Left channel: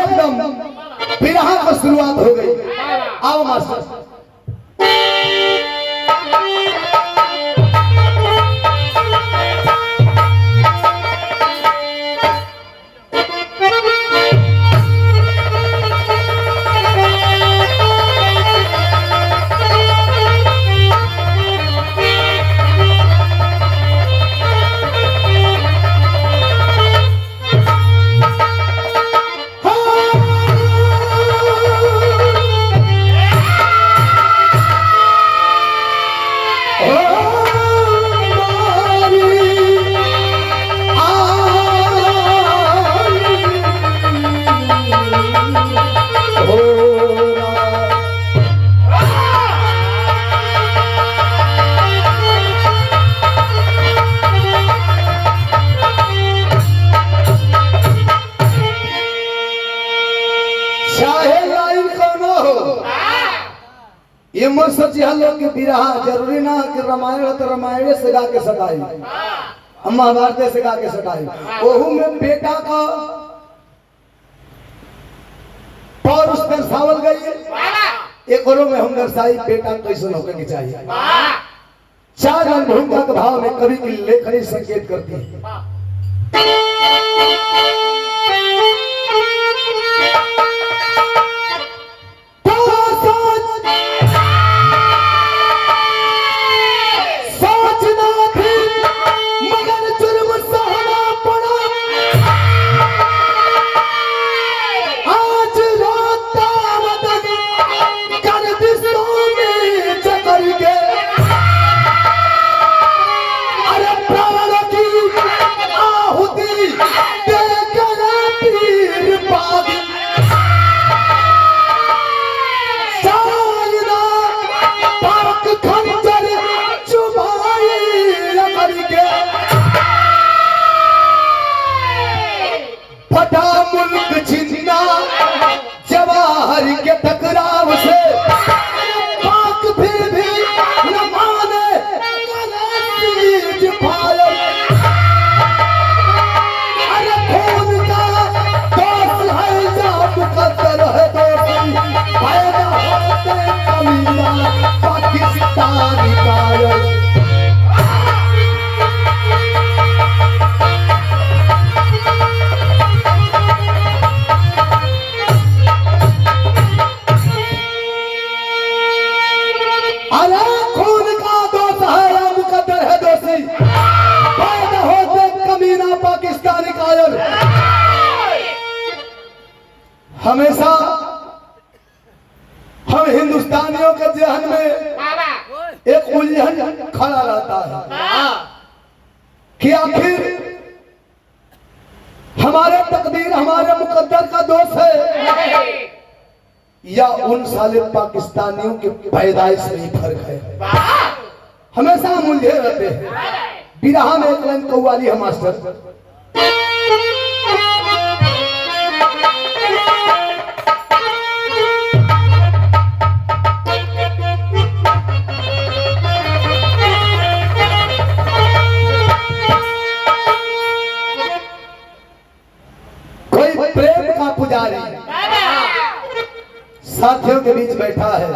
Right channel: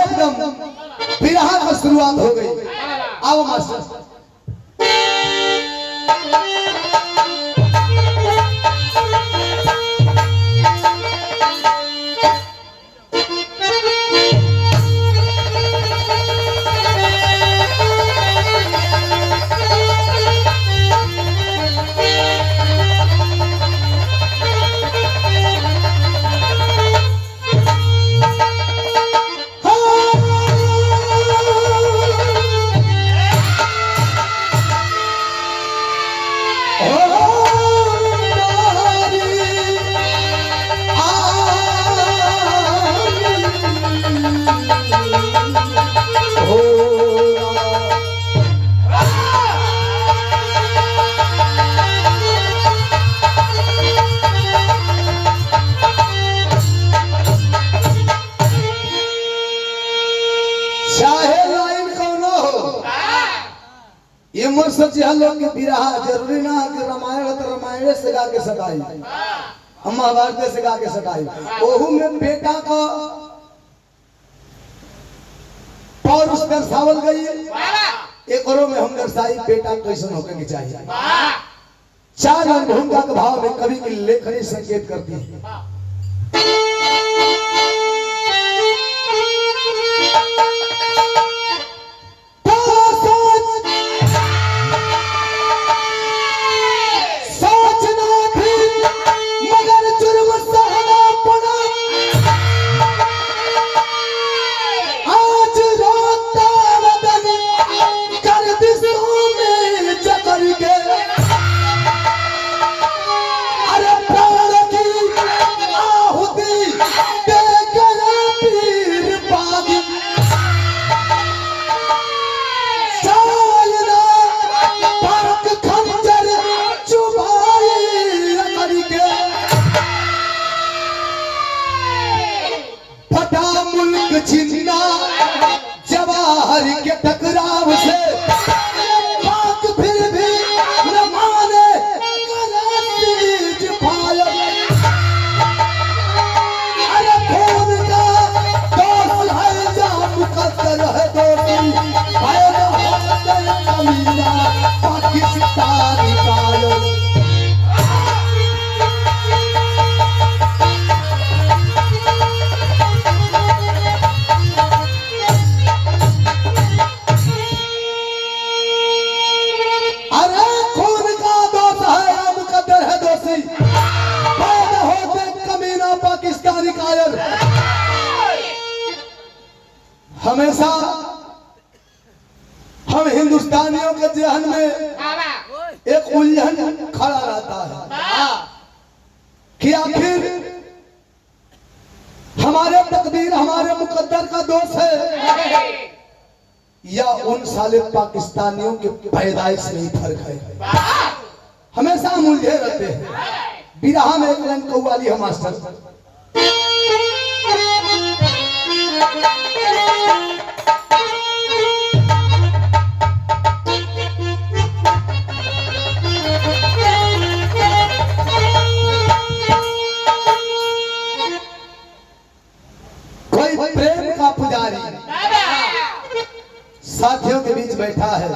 एकदम बिरहा की शुरुआत हो गई। आओ मास्टर। ये मत सोचिए लोग कि बिरहा जरूरी ना कि रामायण तो रामायण से गा के सटाई, हम महाभारत से गा के सटाई। ओहू में बेटा का पौर उस दर्शावल गई है। एक और में हम दर्शाई बेटा कैसे होने की चाहिए। चार रंग भूमिका के भाव में कवि की लेखनी संकेत करती है। हमेशा हम हिंदुस्तानियों के जहन में एक उलझन खड़ा रहता है कि आखिर हमारे तकदीर हमारे मुकद्दर का दोष है या उन साले पाकिस्तानियों के पैदाइश में ही फर्क है। हमेशा हम उलझे रहते हैं। बिरहा में एक लाइन कव्वाली है मास्टर। पुजारी साथियों के बीच बैठा है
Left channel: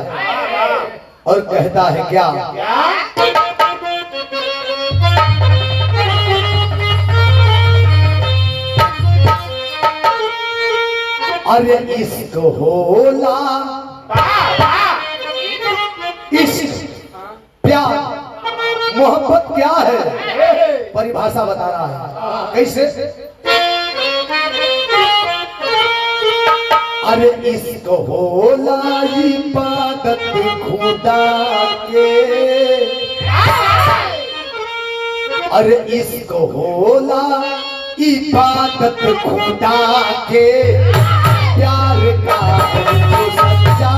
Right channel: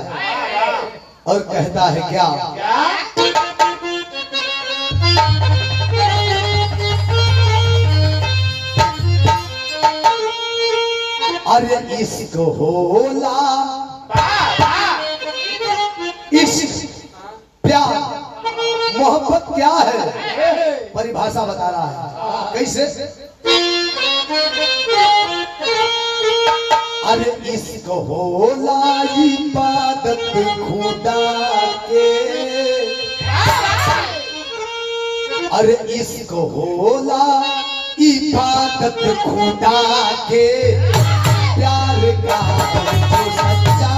और कहता है क्या, अरे इश्क होला, इश्क प्यार मोहब्बत क्या है, परिभाषा बता रहा है। कैसे? अरे इश्क होला इबादत खुदा के, अरे इश्क होला इबादत खुदा के, प्यार का जो सच्चा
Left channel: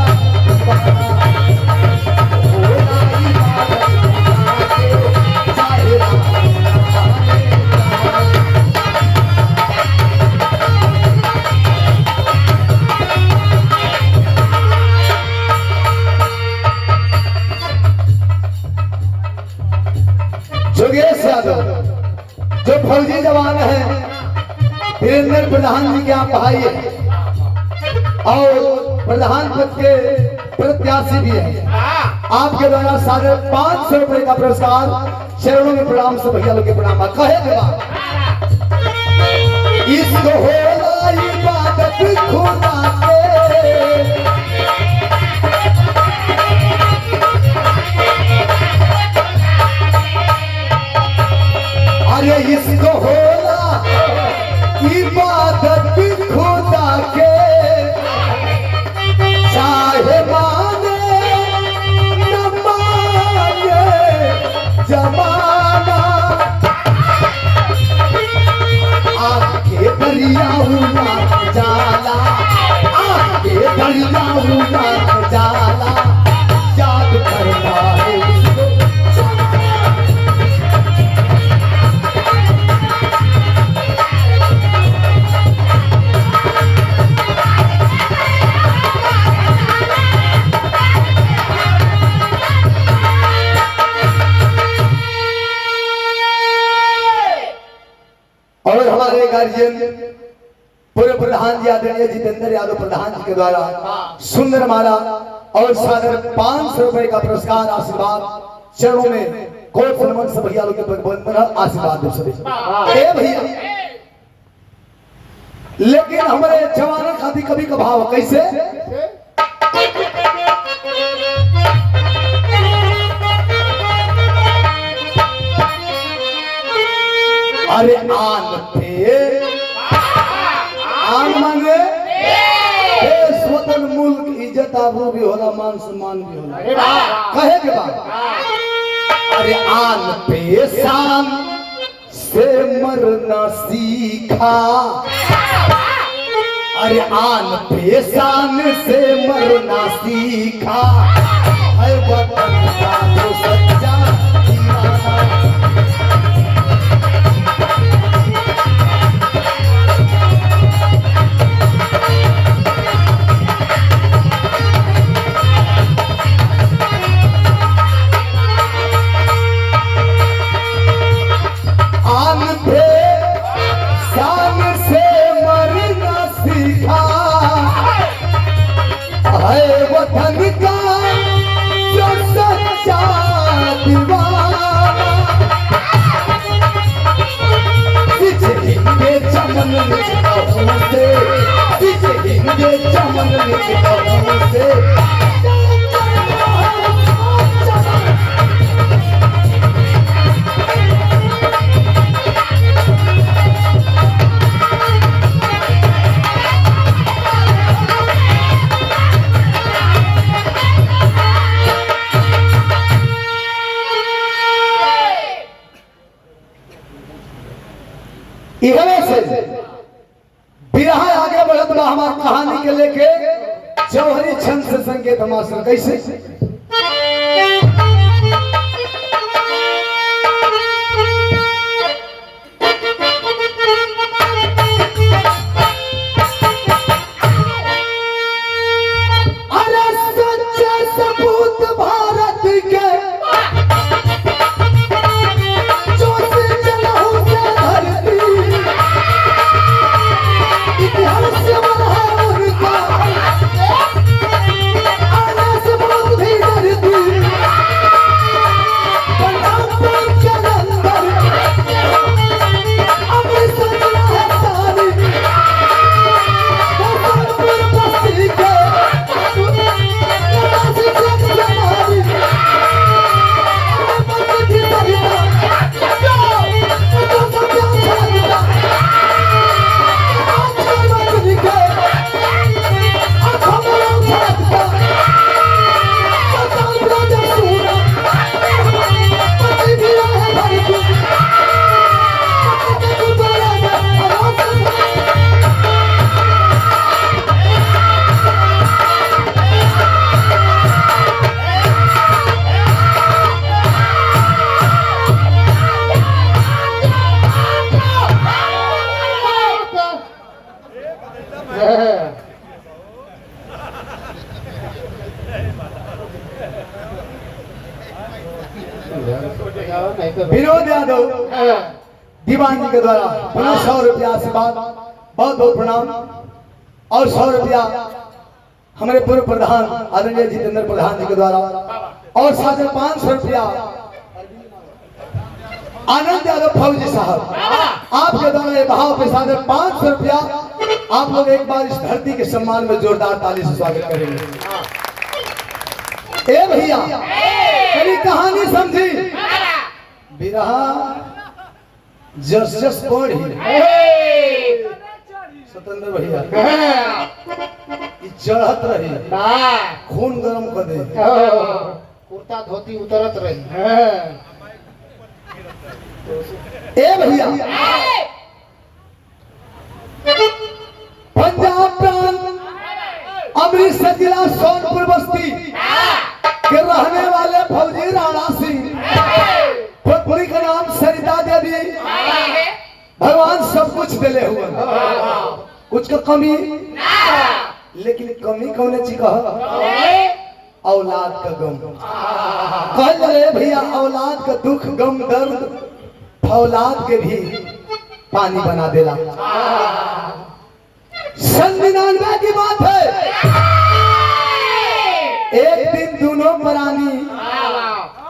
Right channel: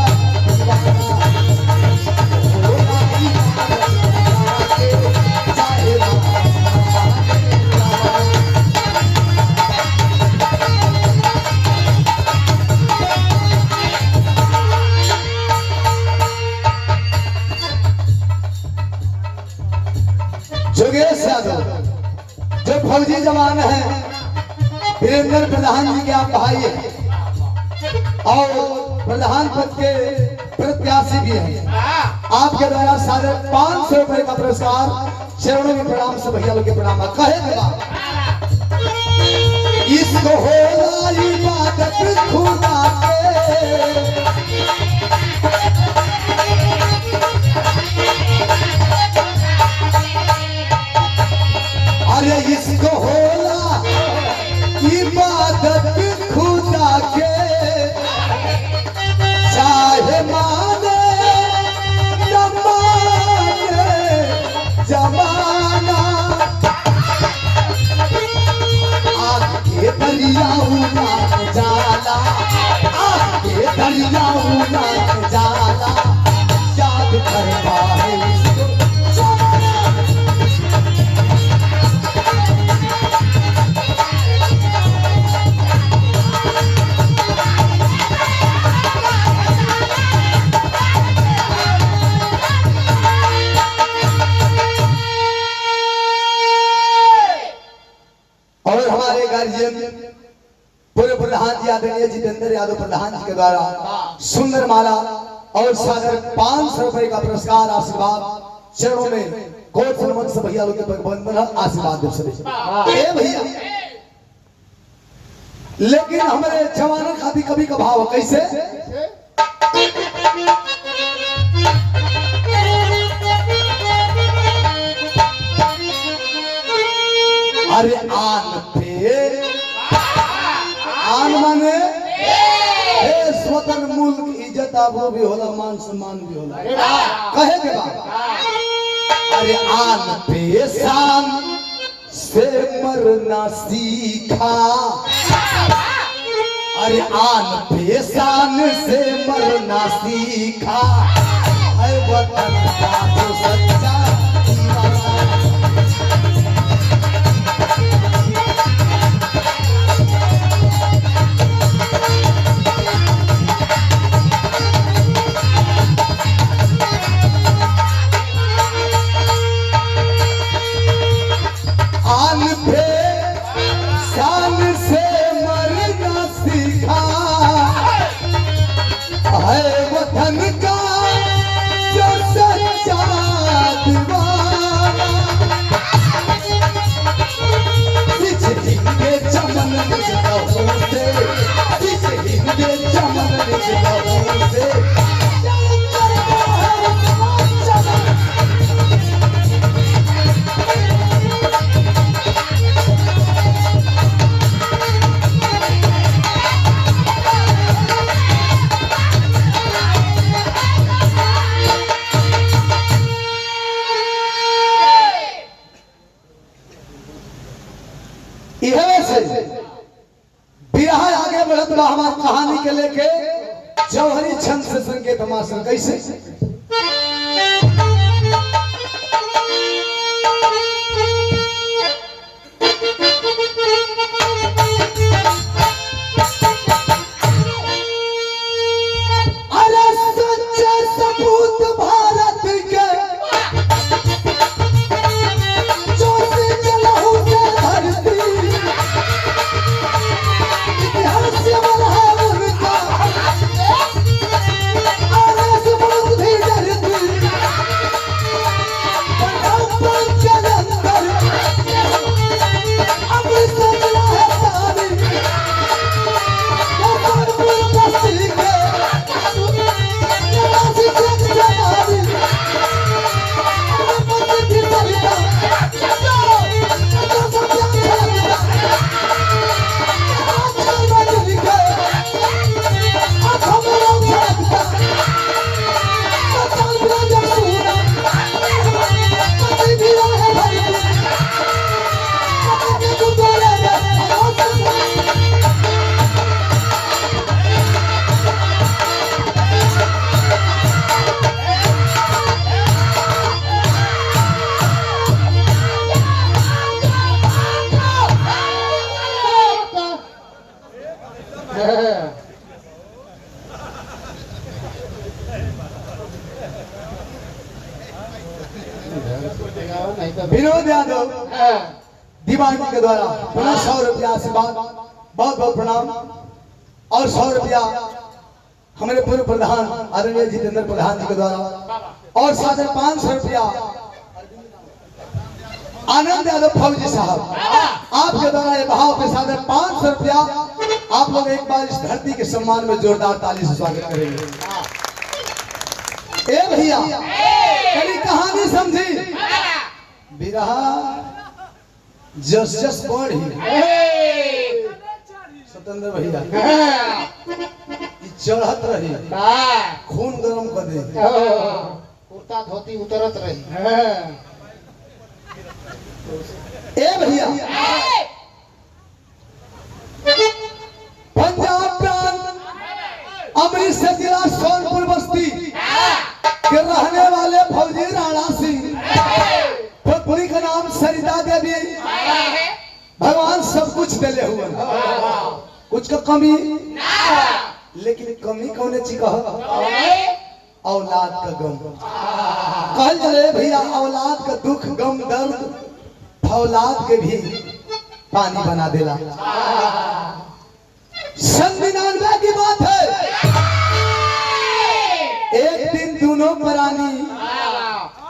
जोगेश यादव जो फौजी जवान है, वीरेंद्र प्रधान जी के आप भाई है, और प्रधान पद के प्रत्याशी भी है। आपके द्वारा 550 रुपए का पुरस्कार चरणों में प्रणाम से भैया लोग के प्रणाम कहे के बाद इसको होला इबादत खुदा के अरे इसको होला इबादत खुदा के चाहे माने न माने जमाना आगे दरिया उड़ा जाला आगे दरिया उड़ा जाला याद करता है इसको और हमारे गार्जियन पूर्व प्रधान जी आदरणीय जितेंद्र यादव प्रधान जी के द्वारा सुंदर माला और सागर 500 रुपए का पुरस्कार आशीर्वाद चरणों में कोट सन्मान से भैया लोग के आशीर्वाद दो सभी ए भैया। लेकिन हमारे जवानों का भी कभी कभाव कैसे अरे आन माने स्वतंत्र मुल्क इज्जत आबू भी होला मान सम्मान भी होला कहे के बाद अरे आन पे शान से मरना सीखा अरे आन पे शान से मरना सीखा है वतन का जो सच्चा दीवाना बिरहा आगे बढ़त बा हमार कहानी के लेके जौहरी छंद से संकेत हमार कैसे विनोद यादव दीवान जी के द्वारा 100 रुपया आशीर्वाद बहुत बहुत प्रणाम और 100 रुपया हमारे पूर्व प्रधान आदरणीय जितेंद्र प्रधान जी के द्वारा और साथ में 500 रुपया आनंद यादव फौजी साहब आपके द्वारा ये भाव के साथ 500 रुपया आप लोग एक बार इस धरती के सम्मान में जोरदार ताली से स्वागत करेंगे। ए भैया कभी कहानी समझी बिरहा जस जस पढ़ी सतेंद्र भैया चढ़त रही खून गरम कर दे कुर्ता धोती उतरत रही। ए भैया पंजाब प्रांत अमृतसर जिला सोनपुर बस्ती के रहने वाले फौजी राणा सिंह पत्नी का नाम सरिता देवी भगवान सब कुछ दिले हुए कुछ का कमी लेकिन कमी कौन चीज का औलाद का गम कह रहे भैया औलाद का दुख गम दर्द औलाद के भी पानी बना देला। 99 की बात है एक दिन दोनों प्राणी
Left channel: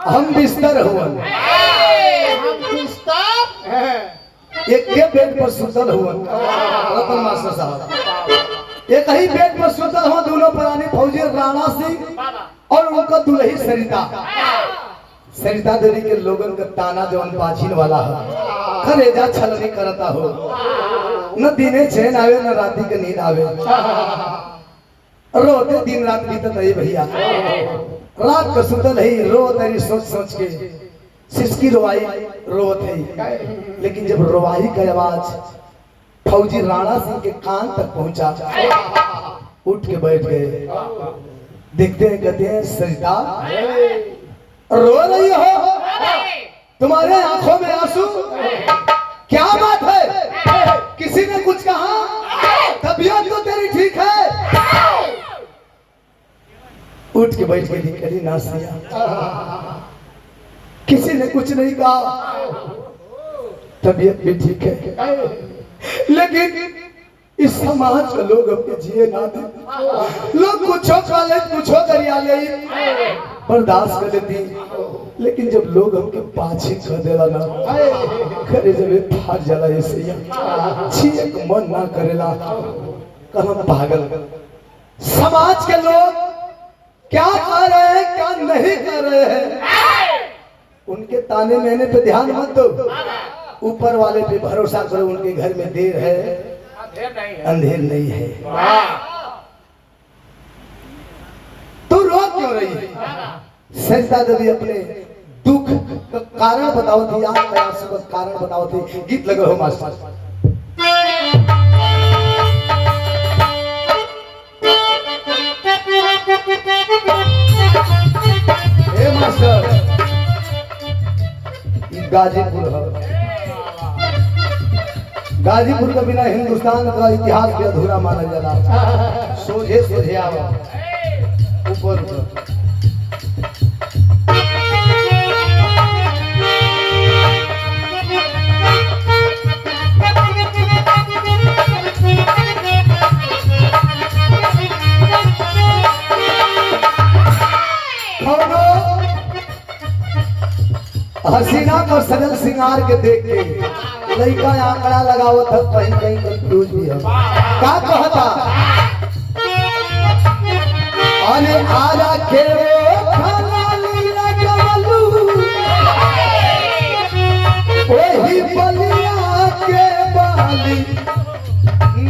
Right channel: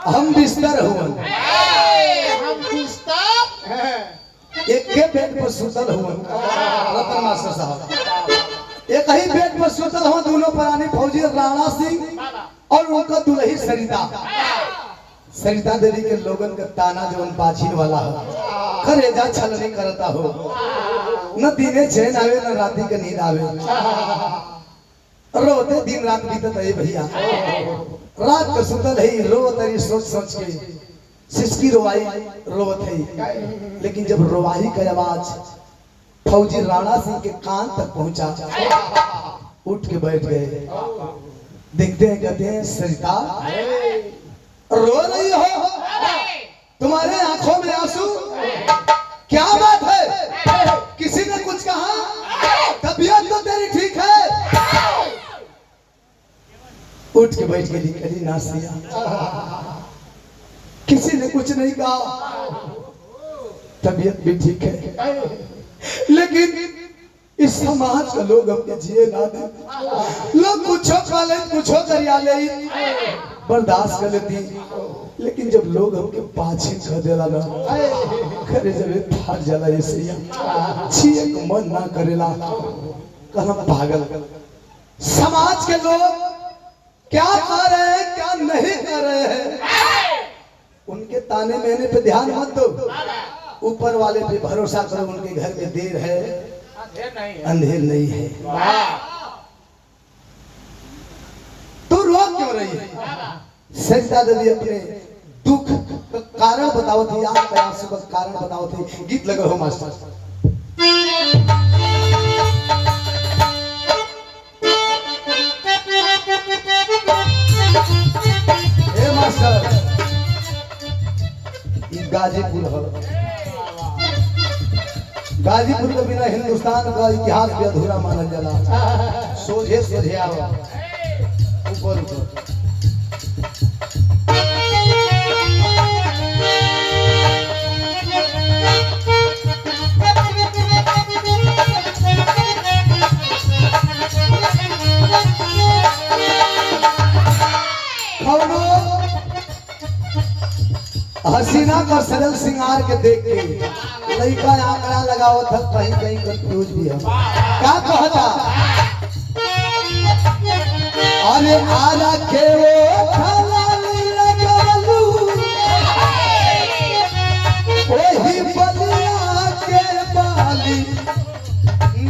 हम बिस्तर हुए एक के बेड पर सुतल हुआ रतन मास्टर साहब एक ही बेड पर सुतल हुआ दोनों प्राणी फौजी राणा सिंह और उनका दुल्ही सरिता देवी के लोगन का ताना जो बाछीन वाला है करेजा छलनी करता हो न दिने चैन आवे न राती के नींद आवे रोते दिन रात बीतत है भैया रात को सुतल है रोत है सोच सोच के सिसकी रोवाई रोत है लेकिन जब रोवाई का आवाज फौजी राणा सिंह के कान तक पहुंचा उठ के बैठ गए देखते हैं कहते हैं सरिता रो रही हो तुम्हारे आंखों में आंसू क्या बात है किसी ने कुछ कहा तबीयत तो तेरी ठीक है उठ के बैठ के निकली नासिया किसी ने कुछ नहीं कहा तबीयत भी ठीक है लेकिन इस समाज के लोग अपने जिए ना दे लोग कुछ करिया ले बर्दाश्त कर लेती लेकिन जब लोग हमके पाछे कर देला ना करे जब थार जला ऐसे छिए मन ना करेला कहना पागल समाज के लोग क्या कर रहे हैं क्या नहीं कर रहे हैं उनके ताने मैंने पे ध्यान मत दो ऊपर वाले पे भरोसा करो उनके घर में देर है अंधेर नहीं है। तू रो क्यों रही है सरिता देवी अपने दुख का कारण बताओ थी याद प्रयास का कारण बताओ थी गीत लगे हो मास्टर हे मास्टर गाजीपुर है गाजीपुर के बिना हिंदुस्तान का इतिहास भी अधूरा माना जाला सोझे सोझे आओ ऊपर ऊपर हसीना का सरल श्रृंगार के देख के लड़का आंकड़ा लगावत है कहीं कहीं कंफ्यूज भी है क्या कहता अरे आरा के वो खलाली लगलू वही बलिया के बाली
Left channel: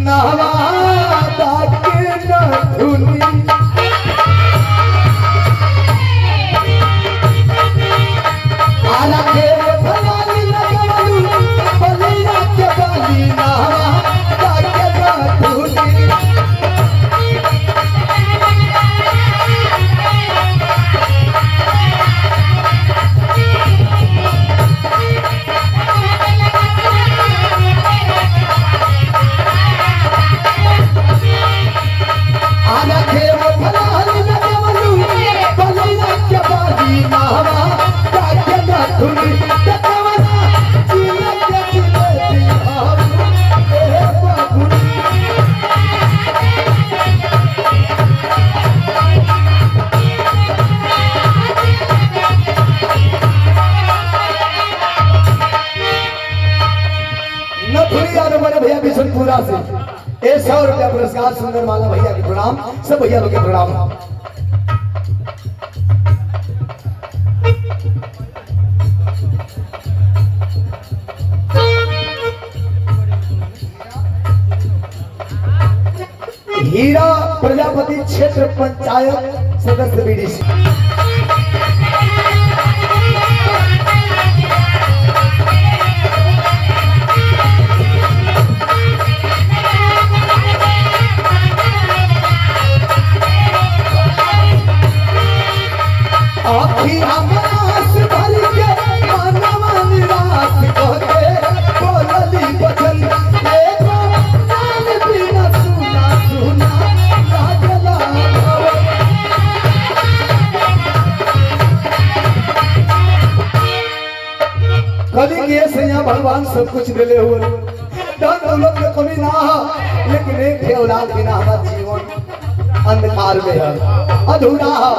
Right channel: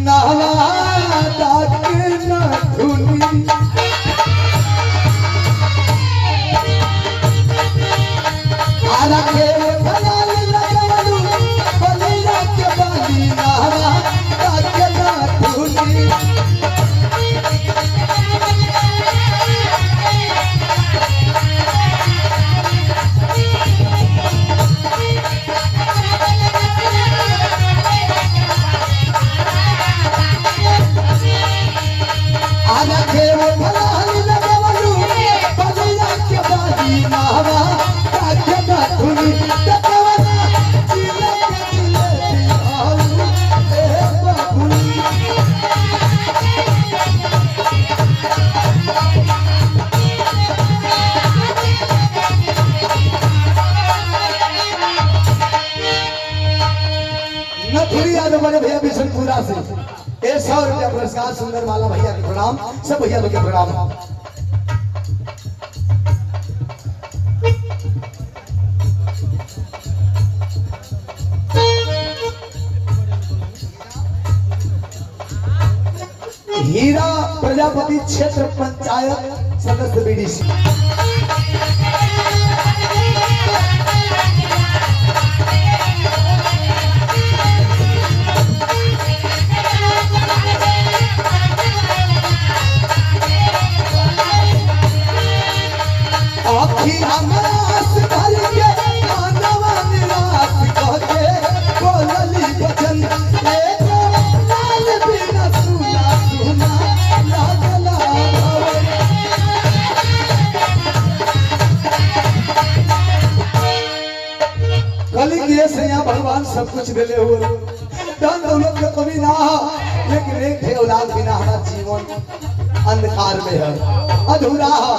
नहवादा के न धुनी 100 रुपया पुरस्कार सुंदर माला भैया के प्रणाम, सब भैया लोग के प्रणाम। हीरा प्रजापति क्षेत्र पंचायत सदस्य बीडीसी। कली के से यहाँ भगवान सब कुछ दिले हुए, धन दौलत में कमी ना हो, लेकिन एक है औलाद बिना हमारा जीवन अंधकार में है, अधूरा है।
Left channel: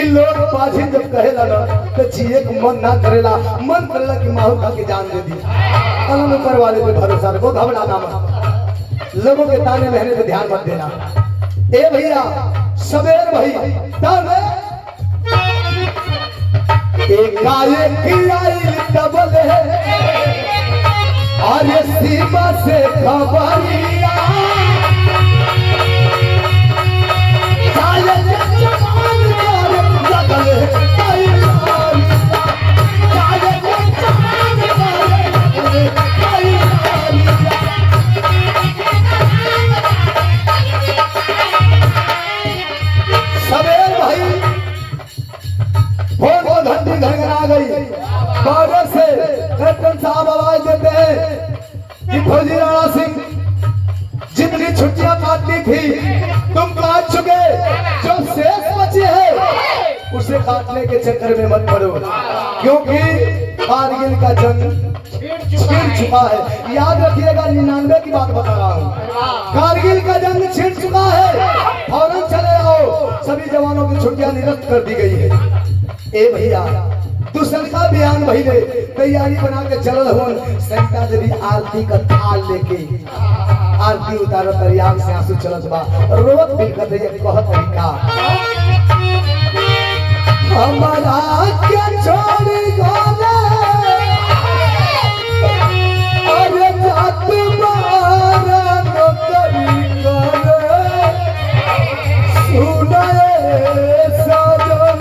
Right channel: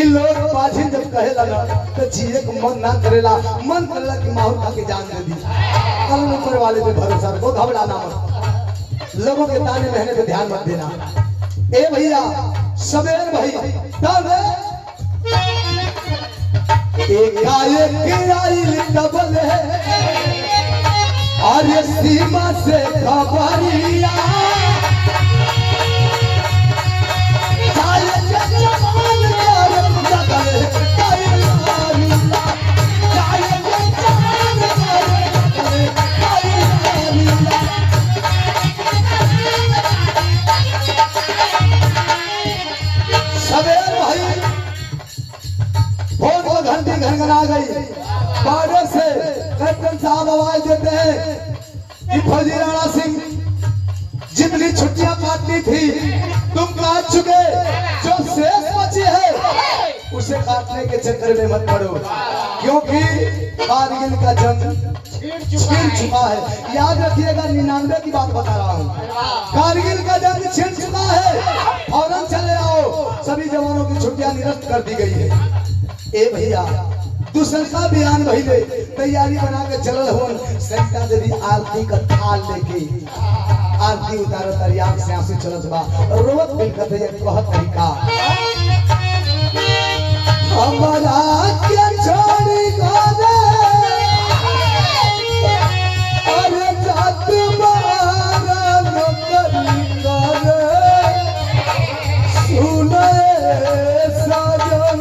इन लोग बाजी जब कहे लगा तो जिए को मन ना करेला, मन करेला कि माहौल खा के जान दे दी। कल ऊपर वाले पे भरोसा रखो, घबराना मत, लोगों के ताने लहने पे ध्यान मत देना। ए भैया सबेर भाई तब काले की आई डबल है और ये सीमा से खबरिया काले जवान कर जगल काले जवान सबेर भाई फोन को घंटी घंघरा गई। बॉर्डर से कैप्टन साहब आवाज देते हैं कि फौजी राणा सिंह जितनी छुट्टियां काटनी थी तुम काट चुके, जो शेष बचे है उसे काटने के चक्कर में मत पड़ो, क्योंकि कारगिल का जंग छिड़ चुका है। याद रखिएगा, 99 की बात बता रहा हूँ, कारगिल का जंग छिड़ चुका है। फौरन चले आओ, सभी जवानों की छुट्टियां निरस्त कर दी गई है। ए भैया दूसरा का बयान भइले, तैयारी बना के चलल होन, सैनिका देवी आरती का थाल लेके आरती उतारो तरिया से आंसू चलत बा, रोवत दिल का ये कहत तरीका हमरा के छोड़ी गले अरे जात मारा नौकरी करे सुने सजन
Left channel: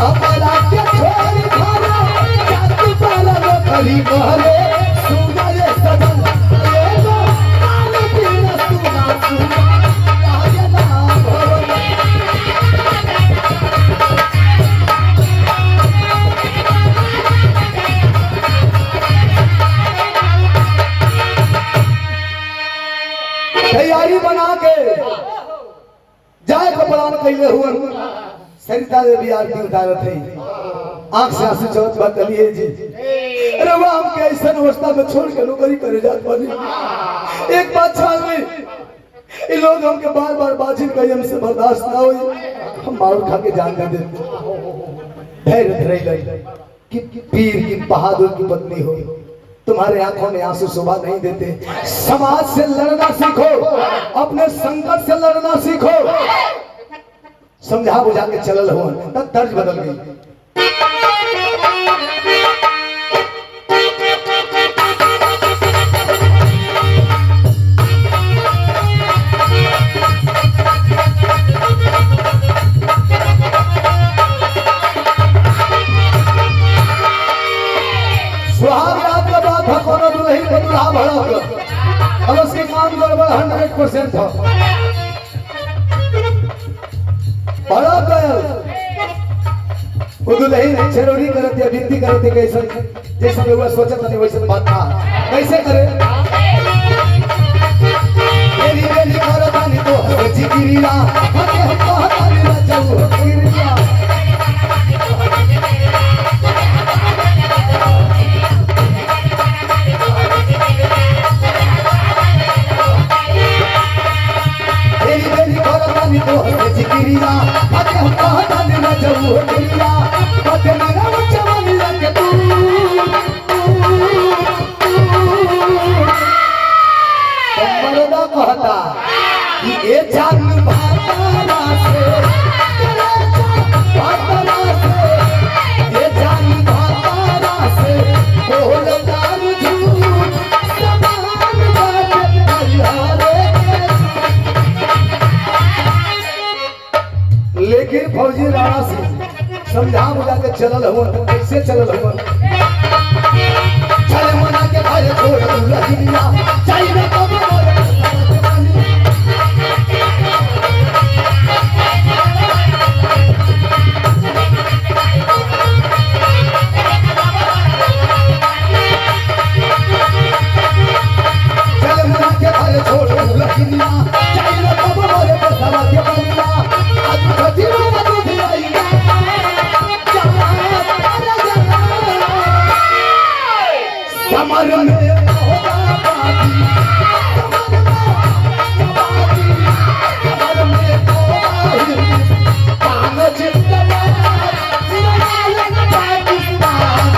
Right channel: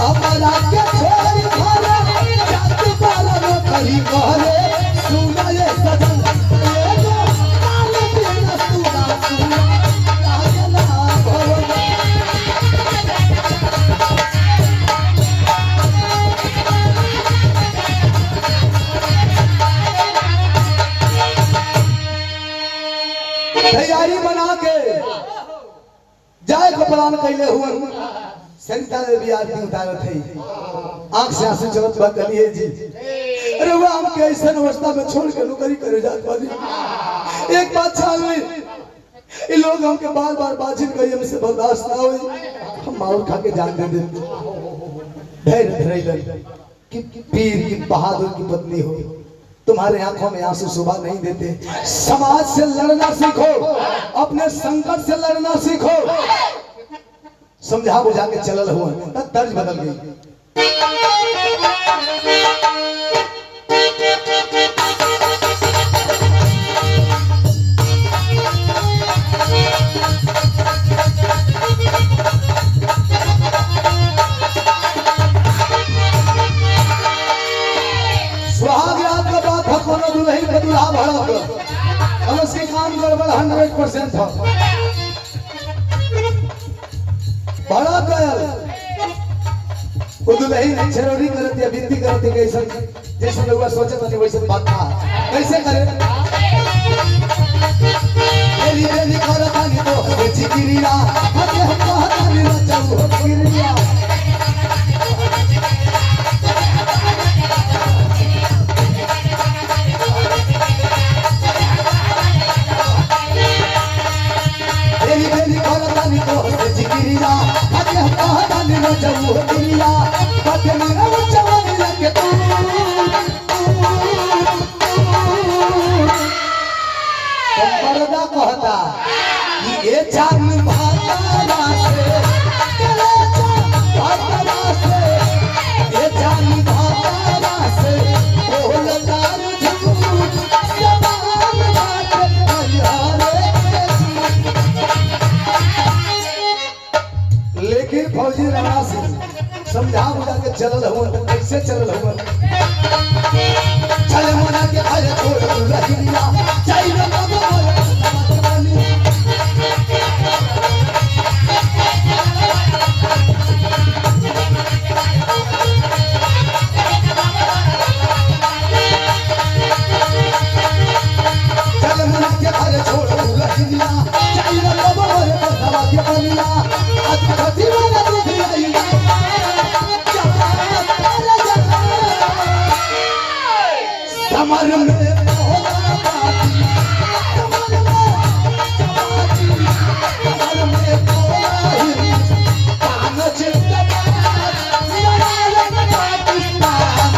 हमरा के छोड़ी गले जात मारा नौकरी करे सुने सजन तैयारी बना के जाए को प्लान कैले हुए। सरिता देवी आरती उतारत है, आंख से आंसू चलत बा, कलिए जी अरे वो हम के ऐसा अवस्था में छोड़ के नौकरी करे जात वाली। एक बात छान ली, ये लोग हमके बार बार बातचीत कही, हमसे बर्दाश्त ना हुई, हम मारो खा के जान दे धैर्य धैर्य कि पीर की बहादुर की पत्नी हो, तुम्हारे आंखों में आंसू शोभा नहीं देते। समाज से लड़ना सीखो, अपने संकट से लड़ना सीखो। समझा बुझा के चलल हो तब दर्ज बदल गई। सुहाग रात का बात है, कोनो दुल्हन का दुल्हा भड़क, अब उसके काम गड़बड़ 100% था। बड़ा गयल वो दुल्हन छेड़ोरी करती है, विनती करती है, कैसे जैसे लोग सोचत नहीं वैसे बात था, कैसे करे मेरी बेली करतानी तो जिगिरिया हके हम कहतानी ना जाऊ गिरिया जिगिरिया हके हम कहतानी ना जाऊ गिरिया हके मेरा जवानी के तू कहता कि ए जानी भातारा से भातारा से ए जानी भातारा से बोल डाल झूठ समान बात परिहारे। लेकिन फौजी राणा सिंह समझा बुझा के चलल हो, कैसे चलल हो? चले मना के भाई छोड़ रहिया चाई न बाबा चले मना के भाई छोड़ रहिया चाई न बाबा रे बसरा के बनिया आज खजीरा न दूध आईया कमर में होगा बाती कमर में कोई कान जिंदाबाद जिंदाबाद पाकिस्तान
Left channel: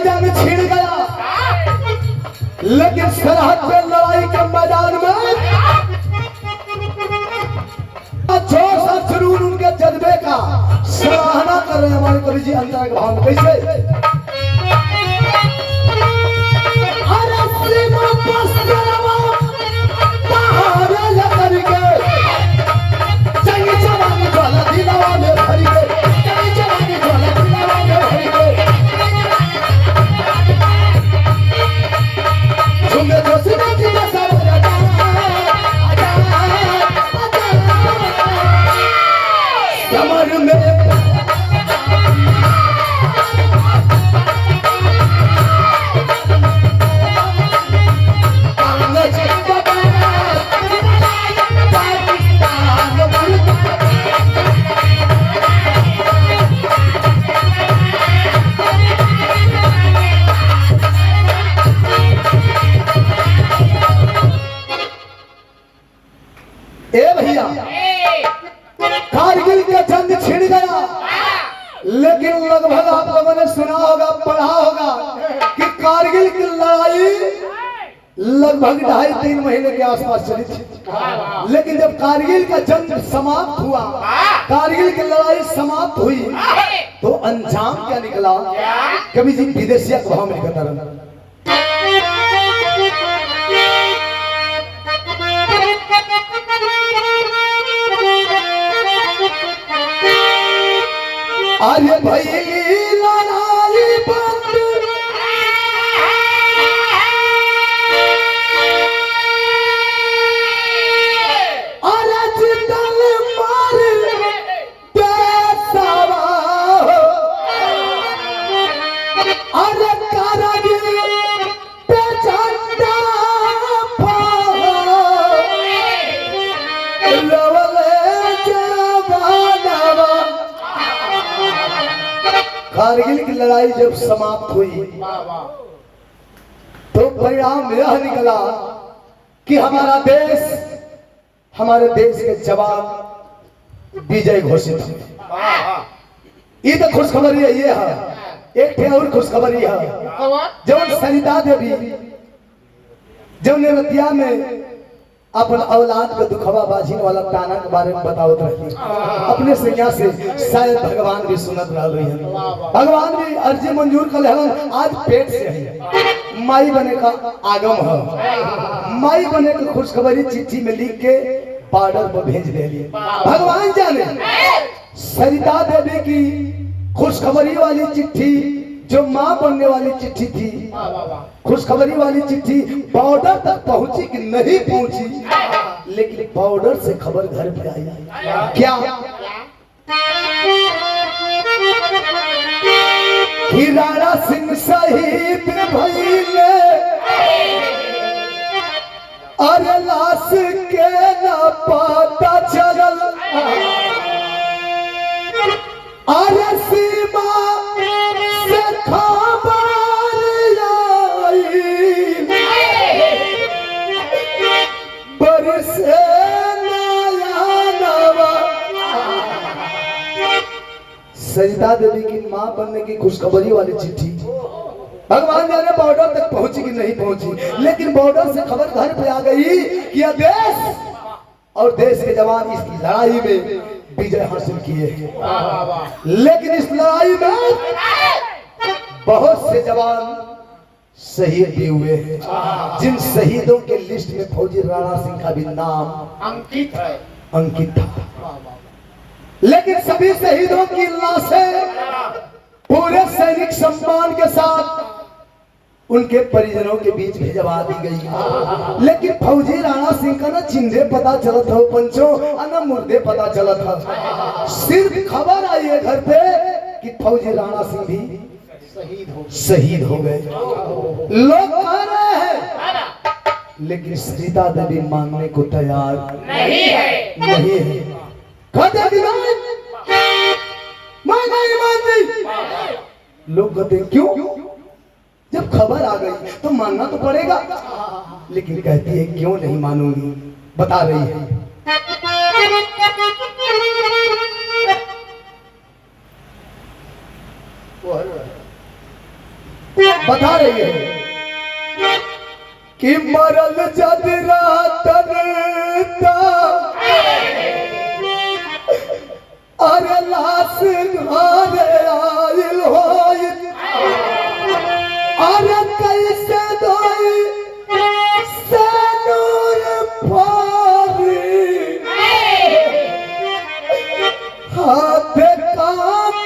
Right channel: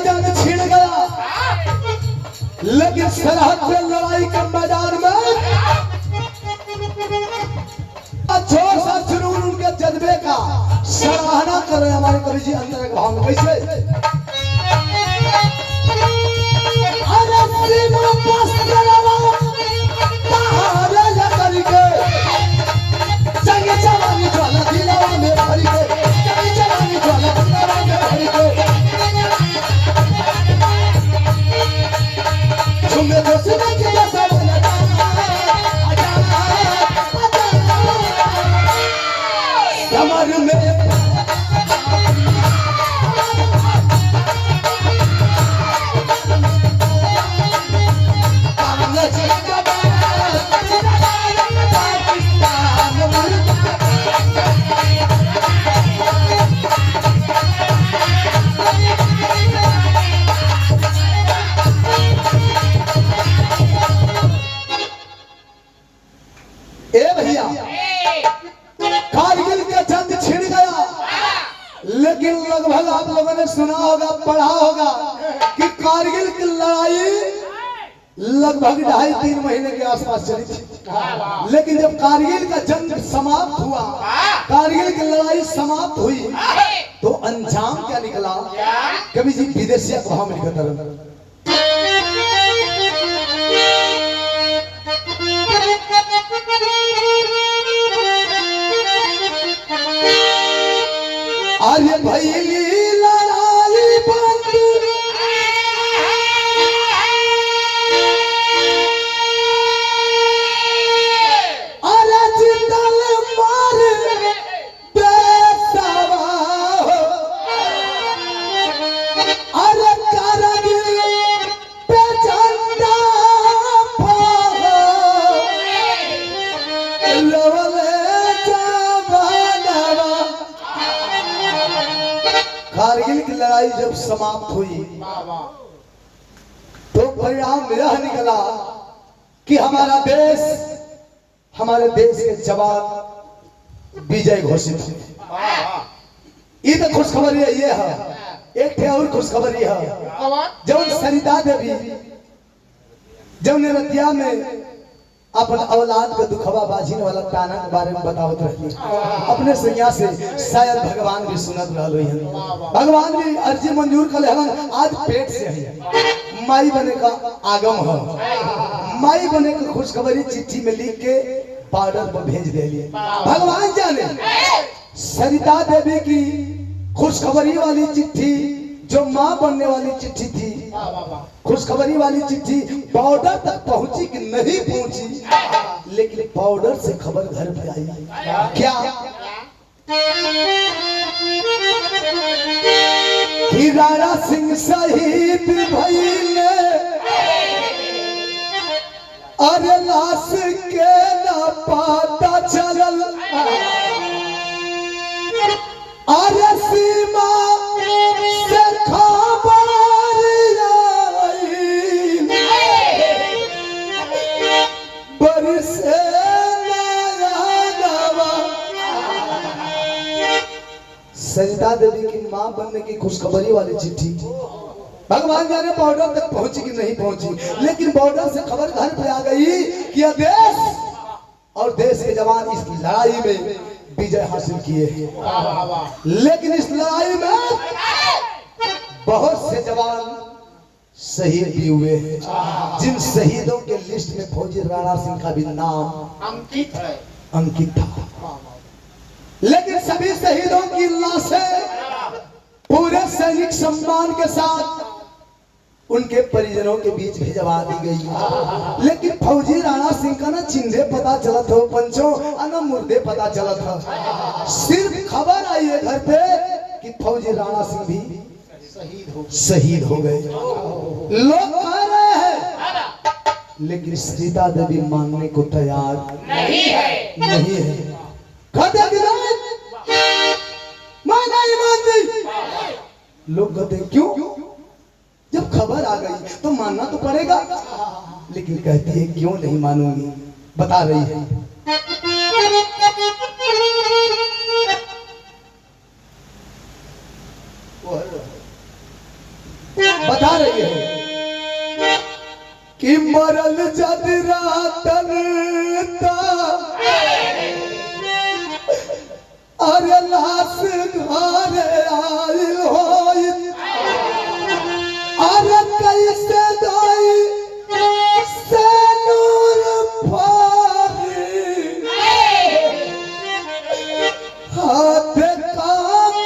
जंग छिड़ गया। लेकिन सरहद पे लड़ाई के मैदान में जोश और जुनून उनके जज्बे का सराहना कर रहे हैं हमारे कवि जी अंतर के भाव में। कैसे भैया कारगिल का जंग छिड़ गया। लेकिन लगभग आप लोगों ने सुना होगा, पढ़ा होगा कि कारगिल की लड़ाई लगभग 2.5-3 महीने के आसपास चली थी। लेकिन जब कारगिल का जंग समाप्त हुआ, कारगिल की लड़ाई समाप्त हुई, तो अंजाम क्या निकला? कवि जी विदेशिया को हम लिखता रहा। अरे भैली लड़ाई बंद अरे जिंदल मार बेसवा अरे कारगिल पे झंडा कारगिल की लड़ाई जब समाप्त हुई तो परिणाम यह निकला कि हमारे देश के जवान विजय घोषित हुए। ये तो खुशखबरी है। ये है एक और खुशखबरी है, जब सरिता देवी जब निरतिया में अपन औलाद के दुखवा बाझिन वाला ताना के बारे में बतावत रही अपने सैया से, शायद भगवान भी सुनत रहल है। भगवान भी अर्जी मंजूर कर लेहलन। आज पेट से है माई बने का आगम है। माई बने की खुशखबरी चिट्ठी में लिख के बॉर्डर पर भेज दिए। भगवान जाने सरिता देवी की खुशखबरी वाली चिट्ठी, जो माँ बनने वाली चिट्ठी थी, खुशखबरी वाली चिट्ठी बॉर्डर तक पहुंची कि नहीं पहुंची, लेकिन बॉर्डर से खबर घर पे आई। क्या कि राणा सिंह शहीद भइले, अरे लाश के न पता चलल, अरे सीमा से सरिता देवी की मां बनने की खुशखबरी वाली चिट्ठी भगवान जाने बॉर्डर तक पहुंची कि नहीं पहुंची, लेकिन बॉर्डर से खबर घर पे आ गई कि यह देश और देश के जवान इस लड़ाई में विजय हासिल किए हैं। लेकिन इस लड़ाई में बहुत से जवान शहीद भी हुए हैं, जिन शहीदों के लिस्ट में फौजी राणा सिंह का भी नाम अंकित था। लेकिन सभी शहीदों की लाशें पूरे सैनिक सम्मान के साथ उनके परिजनों के बीच भिजवा दी गई। लेकिन फौजी राणा सिंह का ना चिन्हे पता चला था पंचों, ना मुर्दे पता चला था। सिर्फ खबर आई है घर पे कि फौजी राणा सिंह भी शहीद हो गए। लोग कह रहे हैं, लेकिन सीता देवी मानने को तैयार नहीं है। कहते मैं नहीं मानती। लोग कहते क्यों? जब खबर आ गई तो मानना तो पड़ेगा। लेकिन कहती है क्यों नहीं मानूंगी, बता रही है। बता रही है कि मरल जद रातन अरे लाश घरे आइल होई, अरे कैसे दोई सनूर फारी हाथ का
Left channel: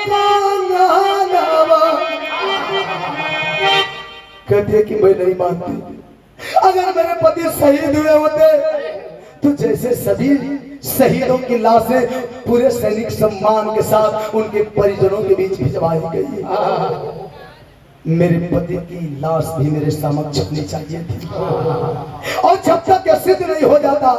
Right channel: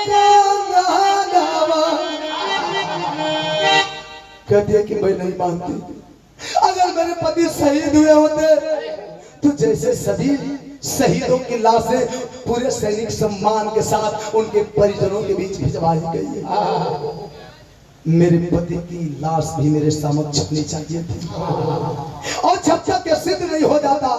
कांगनवा। कहती है कि मैं नहीं मानती। अगर मेरे पति शहीद हुए होते तो जैसे सभी शहीदों की लाशें पूरे सैनिक सम्मान के साथ उनके परिजनों के बीच भिजवाई गई, मेरे पति की लाश भी मेरे समक्ष होनी चाहिए थी। और जब तक यह सिद्ध नहीं हो जाता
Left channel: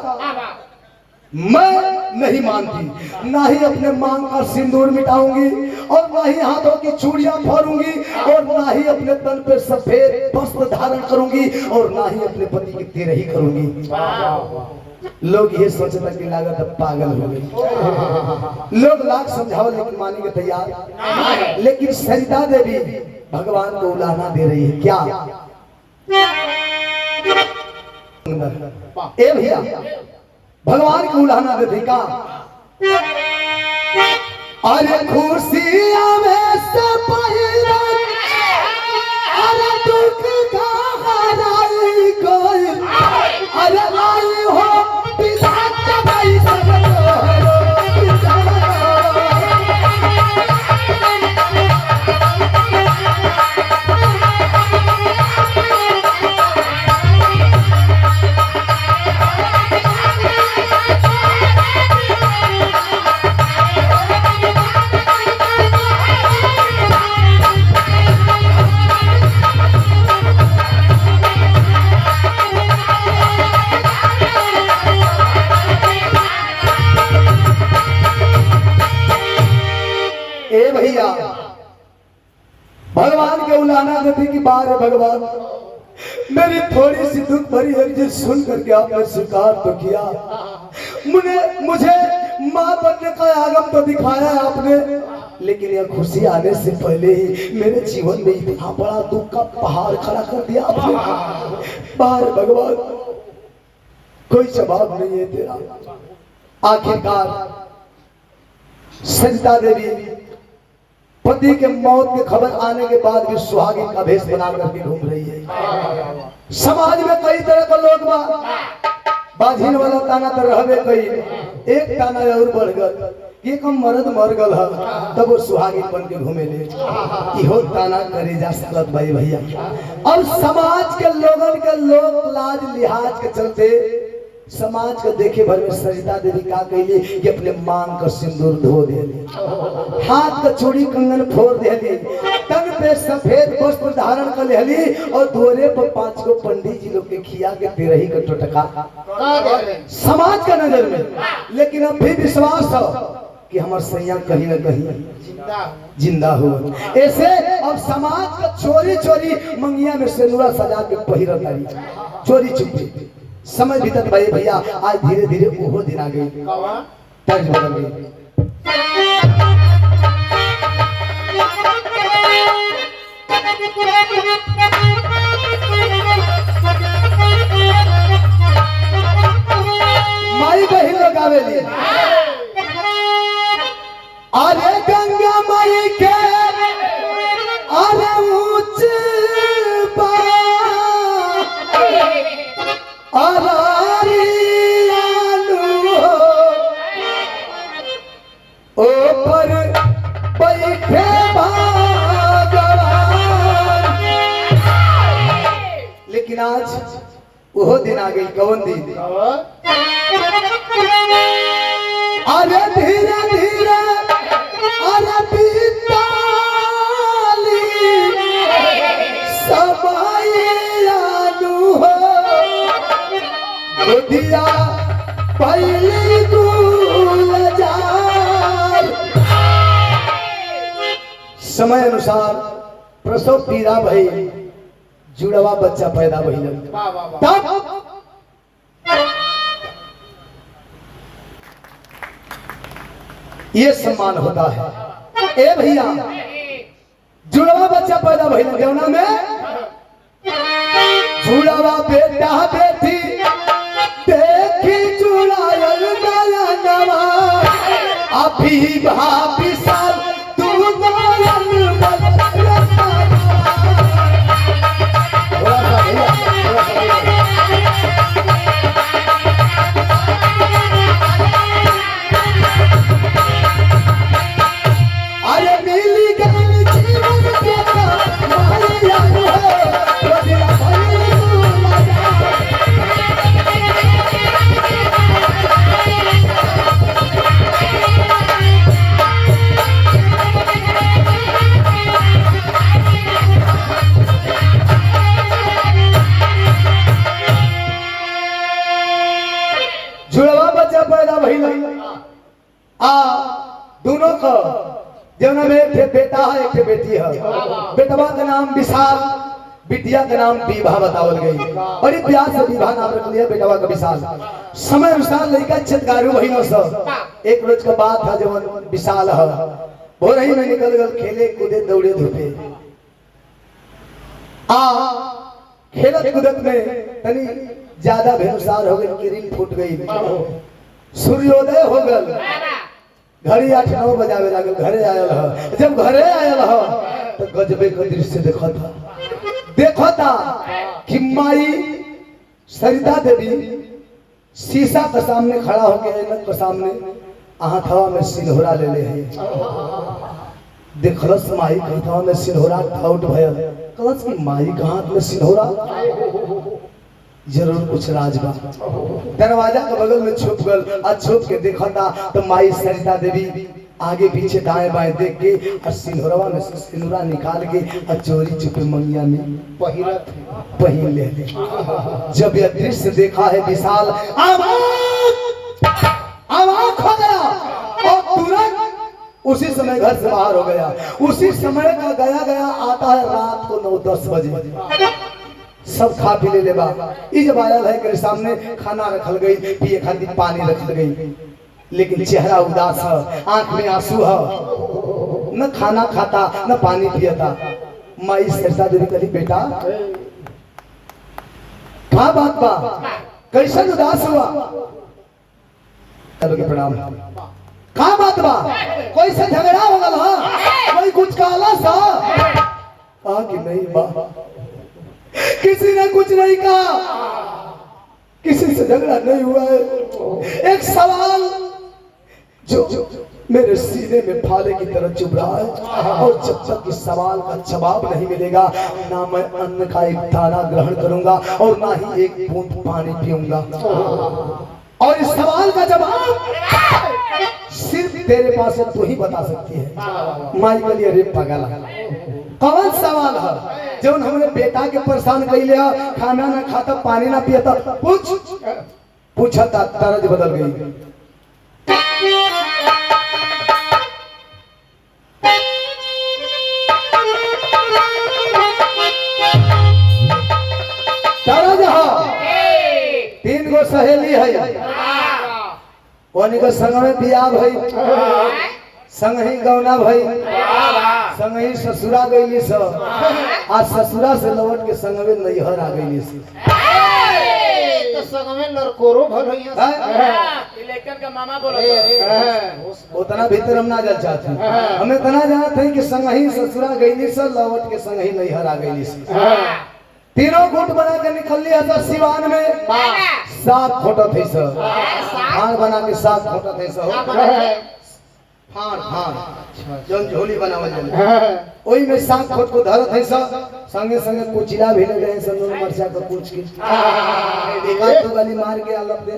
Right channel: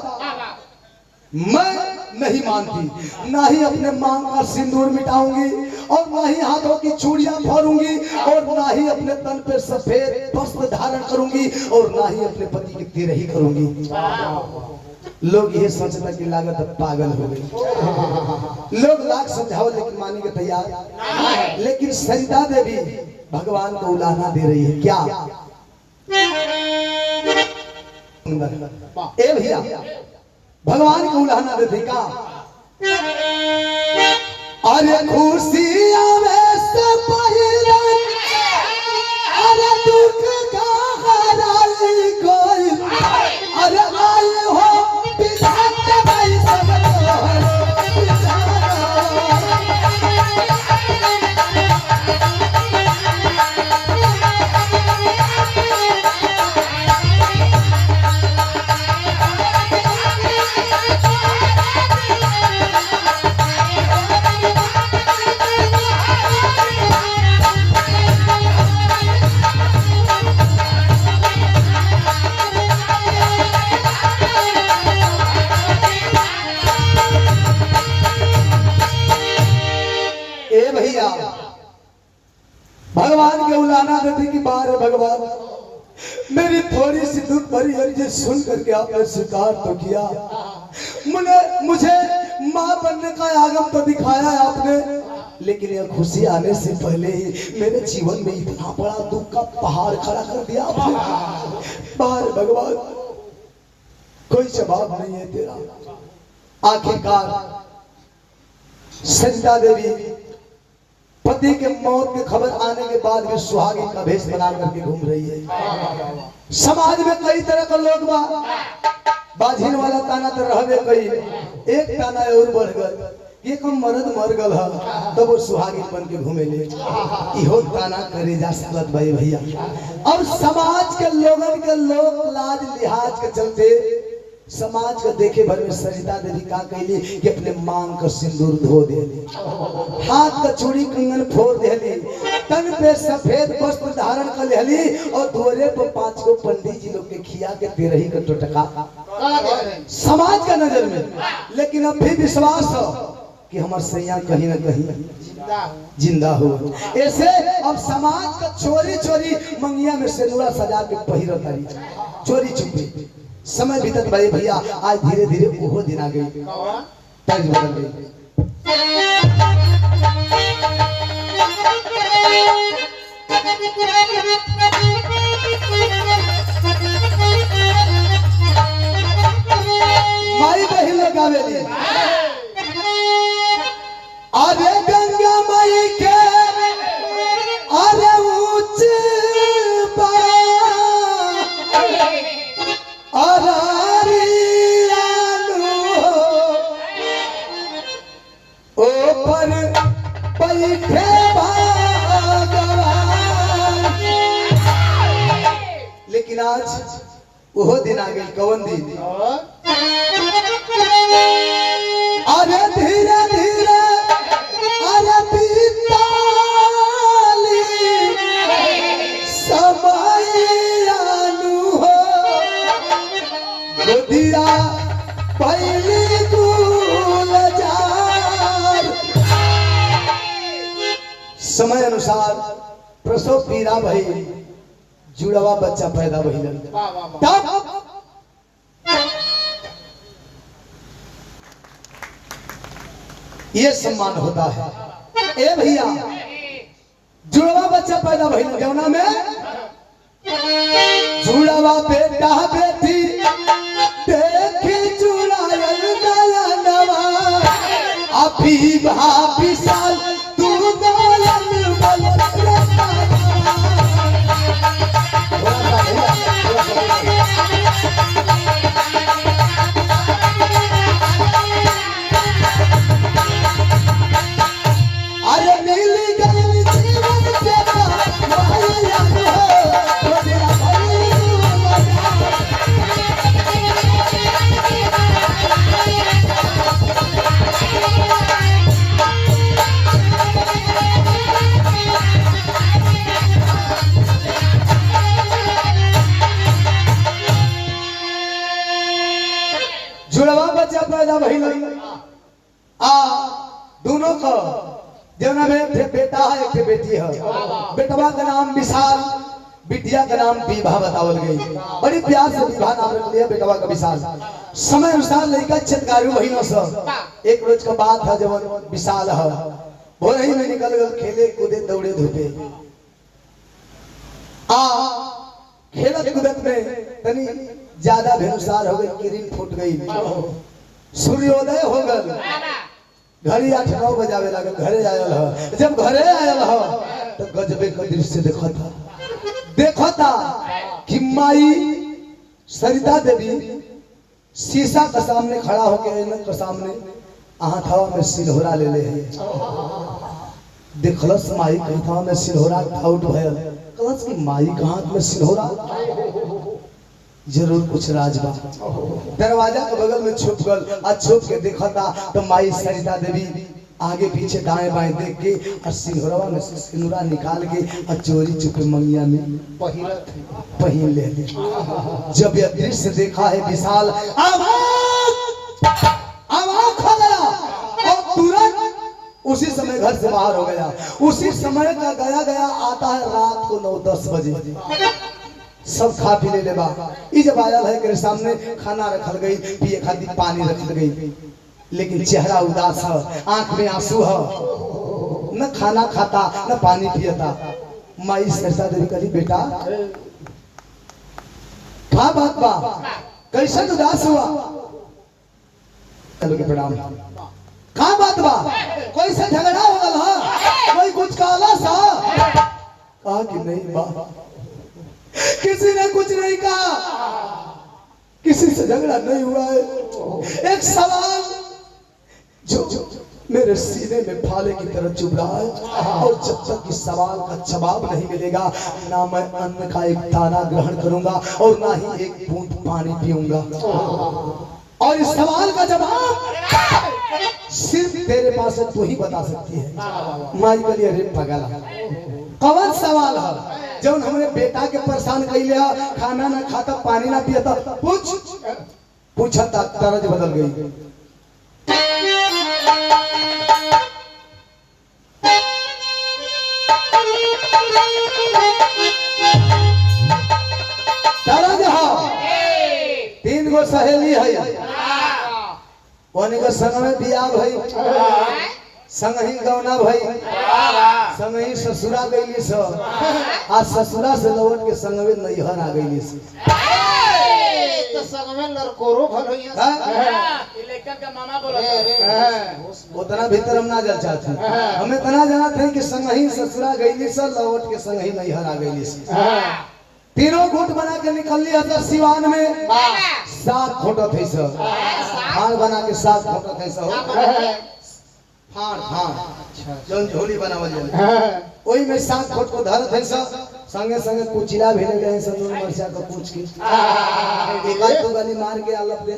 मैं नहीं मानती। ना ही अपने मांग का सिंदूर मिटाऊंगी, और ना ही हाथों की चूड़ियां फोड़ूंगी, और ना ही अपने तन पे सफेद वस्त्र धारण करूंगी, और ना ही अपने पति की तेरही करूंगी। लोग ये सोचता कि लागत अब पागल हो गई। लोग लाख समझाओ लेकिन मानने के तैयार। लेकिन सरिता देवी भगवान को उलाहना दे रही है। क्या? ए भैया, भगवान को उलाहना दे का अरे खुशियां में से पहले अरे दुख का हराई कोई, अरे लाई हो भगवान के उलाहना देती कि बार भगवान मेरी थोड़ी सी दुख भरी अर्जी सुन करके आपने स्वीकार तो किया। मुझे माँ बनने का आगम तो दिखाया है आपने, लेकिन यह खुशी आने से पहले ही मेरे जीवन में इतना बड़ा दुख का पहाड़ खड़ा कर दिया आपने। बार भगवान कोई जवाब नहीं है तेरा। आखिरकार सरिता देवी पति के मौत की खबर आने के बाद भी सुहागिन का भेष बना करके घूम रही है। समाज में कई तरह का लोग बाझिन वाला ताना तो रहबे कई, एक ताना और बढ़ गल एक मर्द मर गल है तब वो सुहागिन बन के घूमे ले, इहो ताना करे जा सकत भाई भैया। और समाज के लोगन के लोक लाज लिहाज के चलते समाज को देखे भर में सरिता देवी का कहली कि अपने मांग का सिंदूर धो देली, हाथ का चूड़ी कंगन फोड़ देली, तन पे सफेद वस्त्र धारण कर लेली, और दोरे पर 5 गो पंडित जी लोग के खिया के तेरही का टोटका समाज का नजर में। लेकिन अब भी विश्वास हो कि हमार सैया कहीं न कहीं जिंदा हो। ऐसे अब समाज का चोरी चोरी मंगिया में सिंदूरा सजा के पहिरत आई, चोरी छुपी। समय बीतत भाई भैया, आज धीरे धीरे वो दिन आ गई, तर्ज बदल गई। बतावेली अरे गंगा माई के अरे ऊंच ऊपर बैठे भगवान। लेकिन आज वो दिन आ गई, कौन दिन? अरे धीरे धीरे अरे बीताली समय आलू हो बुधिया पहली गुलजार। समय अनुसार प्रसव पीड़ा भई, जुड़वा बच्चा पैदा भइल। तब ये सम्मान होता है। ए भैया, जुड़वा बच्चा पैदा भइल जौना में जुड़वा बेटा बेटी देखी जुड़ायल नयनवा अभी भाभी साल तू गोयल बल अरे मिली गई जीवन के माया हो तेरा जुड़वा बच्चा पैदा भइल। दोनों को जौना में एक बेटा है एक बेटी है। बेटवा का नाम विशाल, बिटिया का नाम विभा बतावल गई। बड़ी प्यार से विभा नाम रख लिया बेटवा का विशाल। समय अनुसार लड़का चटकारू भइलो सब। एक रोज का बात था जब विशाल है भोर ही में निकल गल खेले कूदे दौड़े धूपे। खेलत कूदत में तनी ज्यादा भेनुसार हो गई, किरण फूट गई, सूर्योदय हो गल, घड़ी 8-9 बजावे लागल। घरे आयल है, जब घरे आयल है तो गजबे का दृश्य देखा था कि माई सरिता देवी शीशा के सामने खड़ा होके ऐनक के सामने हाथवा में सिलहोरा ले ले है। देखलस माई के हाथवा में सिलहोरा आउट भयल। कहलस कि माई के हाथ में सिलहोरा, जरूर कुछ राज बा। दरवाजा के बगल में छुप गल। आज छुप के देखा था तो माई सरिता देवी आगे पीछे दाएं बाएं देख के और सिंदूरवा में से सिंदूरा निकाल के और चोरी चुपे मंगिया में पहन ले। जब यह दृश्य देखा है विशाल आवाज हो गया और तुरंत उसी समय घर से बाहर हो गया। उसी समय का गया आता है रात को 9-10 बजे। सब खा पी ले बा। जब आयल है के सामने खाना रखल गई, पिए खातिर पानी रखल गई, लेकिन चेहरा उदास है, आंख में आंसू है, न खाना खाता न पानी पियता। माई सरिता देवी कही बेटा क्या बात बा, कैसे उदास हुआ? कल के प्रणाम। क्या बात बा, कोई से झगड़ा हो गल है, कोई कुछ काला सा? कहा कि नहीं बा, किसी ने कुछ नहीं कहा, किसी से झगड़ा नहीं हुआ है। एक सवाल जो मेरे सीने में भाले की तरह चुभ रहा है और जब तक इस सवाल का जवाब नहीं मिलेगा ना मैं अन्न का एक दाना ग्रहण करूंगा और ना ही एक बूंद पानी पीऊंगा। और इस सवाल का जवाब सिर्फ तेरे पास तू ही बता सकती है। माई के लिए अरे पागल कौन सवाल है जब हमने बेटा के परेशान कर लिया, खाना ना खाता पानी ना पिया था, पूछा था तरज बदल गई। तरज है 3 गो सहेली है, उन्हीं को संग में बियाह भई, संग ही गौना भई, संग ही ससुरा गई सब। आज ससुरा से लौट के संग में नैहर आ गई। संग में लड़कोरो भल होइए इलेक्शन का मामा बोला उतना भीतर हम ना जल चाहते हमें इतना जानते हैं कि संगही ससुरा गईली से लौट के संगही नहीं हरा गईली से तीनों गुट बना के निकल लिया था सिवान में 7 फोटो थे सर हार बना के 7 फोटो थे सर हार जो झोली बनावल जाए ओई में 7 फोट को धरत है सर संगे संगे कुचिला भी ले गए सर नून मरचा का पूछ के एक तो गली मार के आलप दे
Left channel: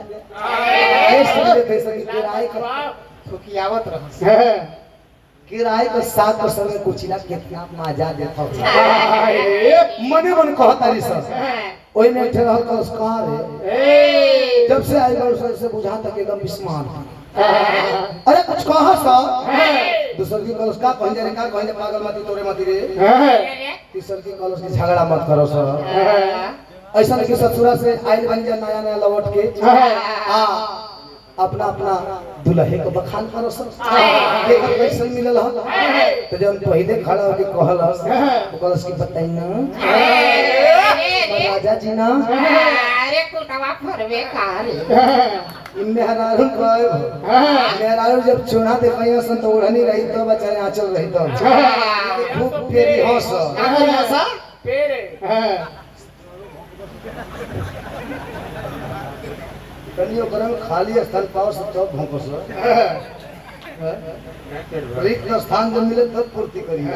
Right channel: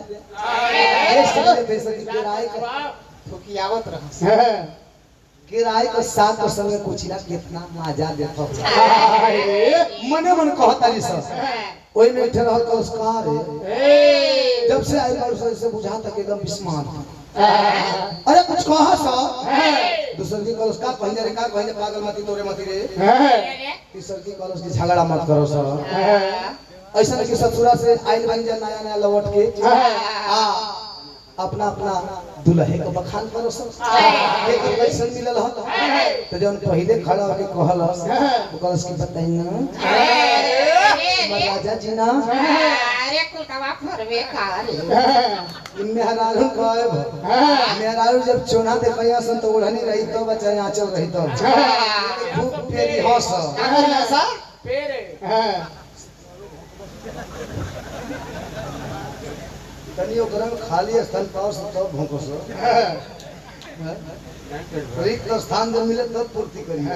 ये समझे थे सर किराए का ठुकियावत रह किराए का 7 को संगे कुचिला कितना मजा देता मने मन कहता रे सर ओई में ठहरा का उसका है जब से आई बार से बुझा तक एकदम बिस्मार अरे कुछ कहा सा दूसर की कलश का कहीं रे का कहीं पागल मती तोरे मती रे तीसर की कलश की झगड़ा मत करो सर ऐसा नहीं कि ससुरा से आइल बन जा नया नया लौट के अपना अपना दुल्हे को बखान करो सर देखो कैसे मिलल ह तो जब पहले खड़ा होके कहल वो कलश की बताई ना राजा जी ना अरे कुलवा फरवे कार मेहरारू कहे मेहरारू जब चोना देखैया सन तो ओढ़नी रही तो बेचारे आंचल रही तो खूब पेरी हंस पेरे कनियो गरम खाली स्थल पाओ सब चौक भोंको सो रिक्त स्थान जब मिले तब पूर्ति करिए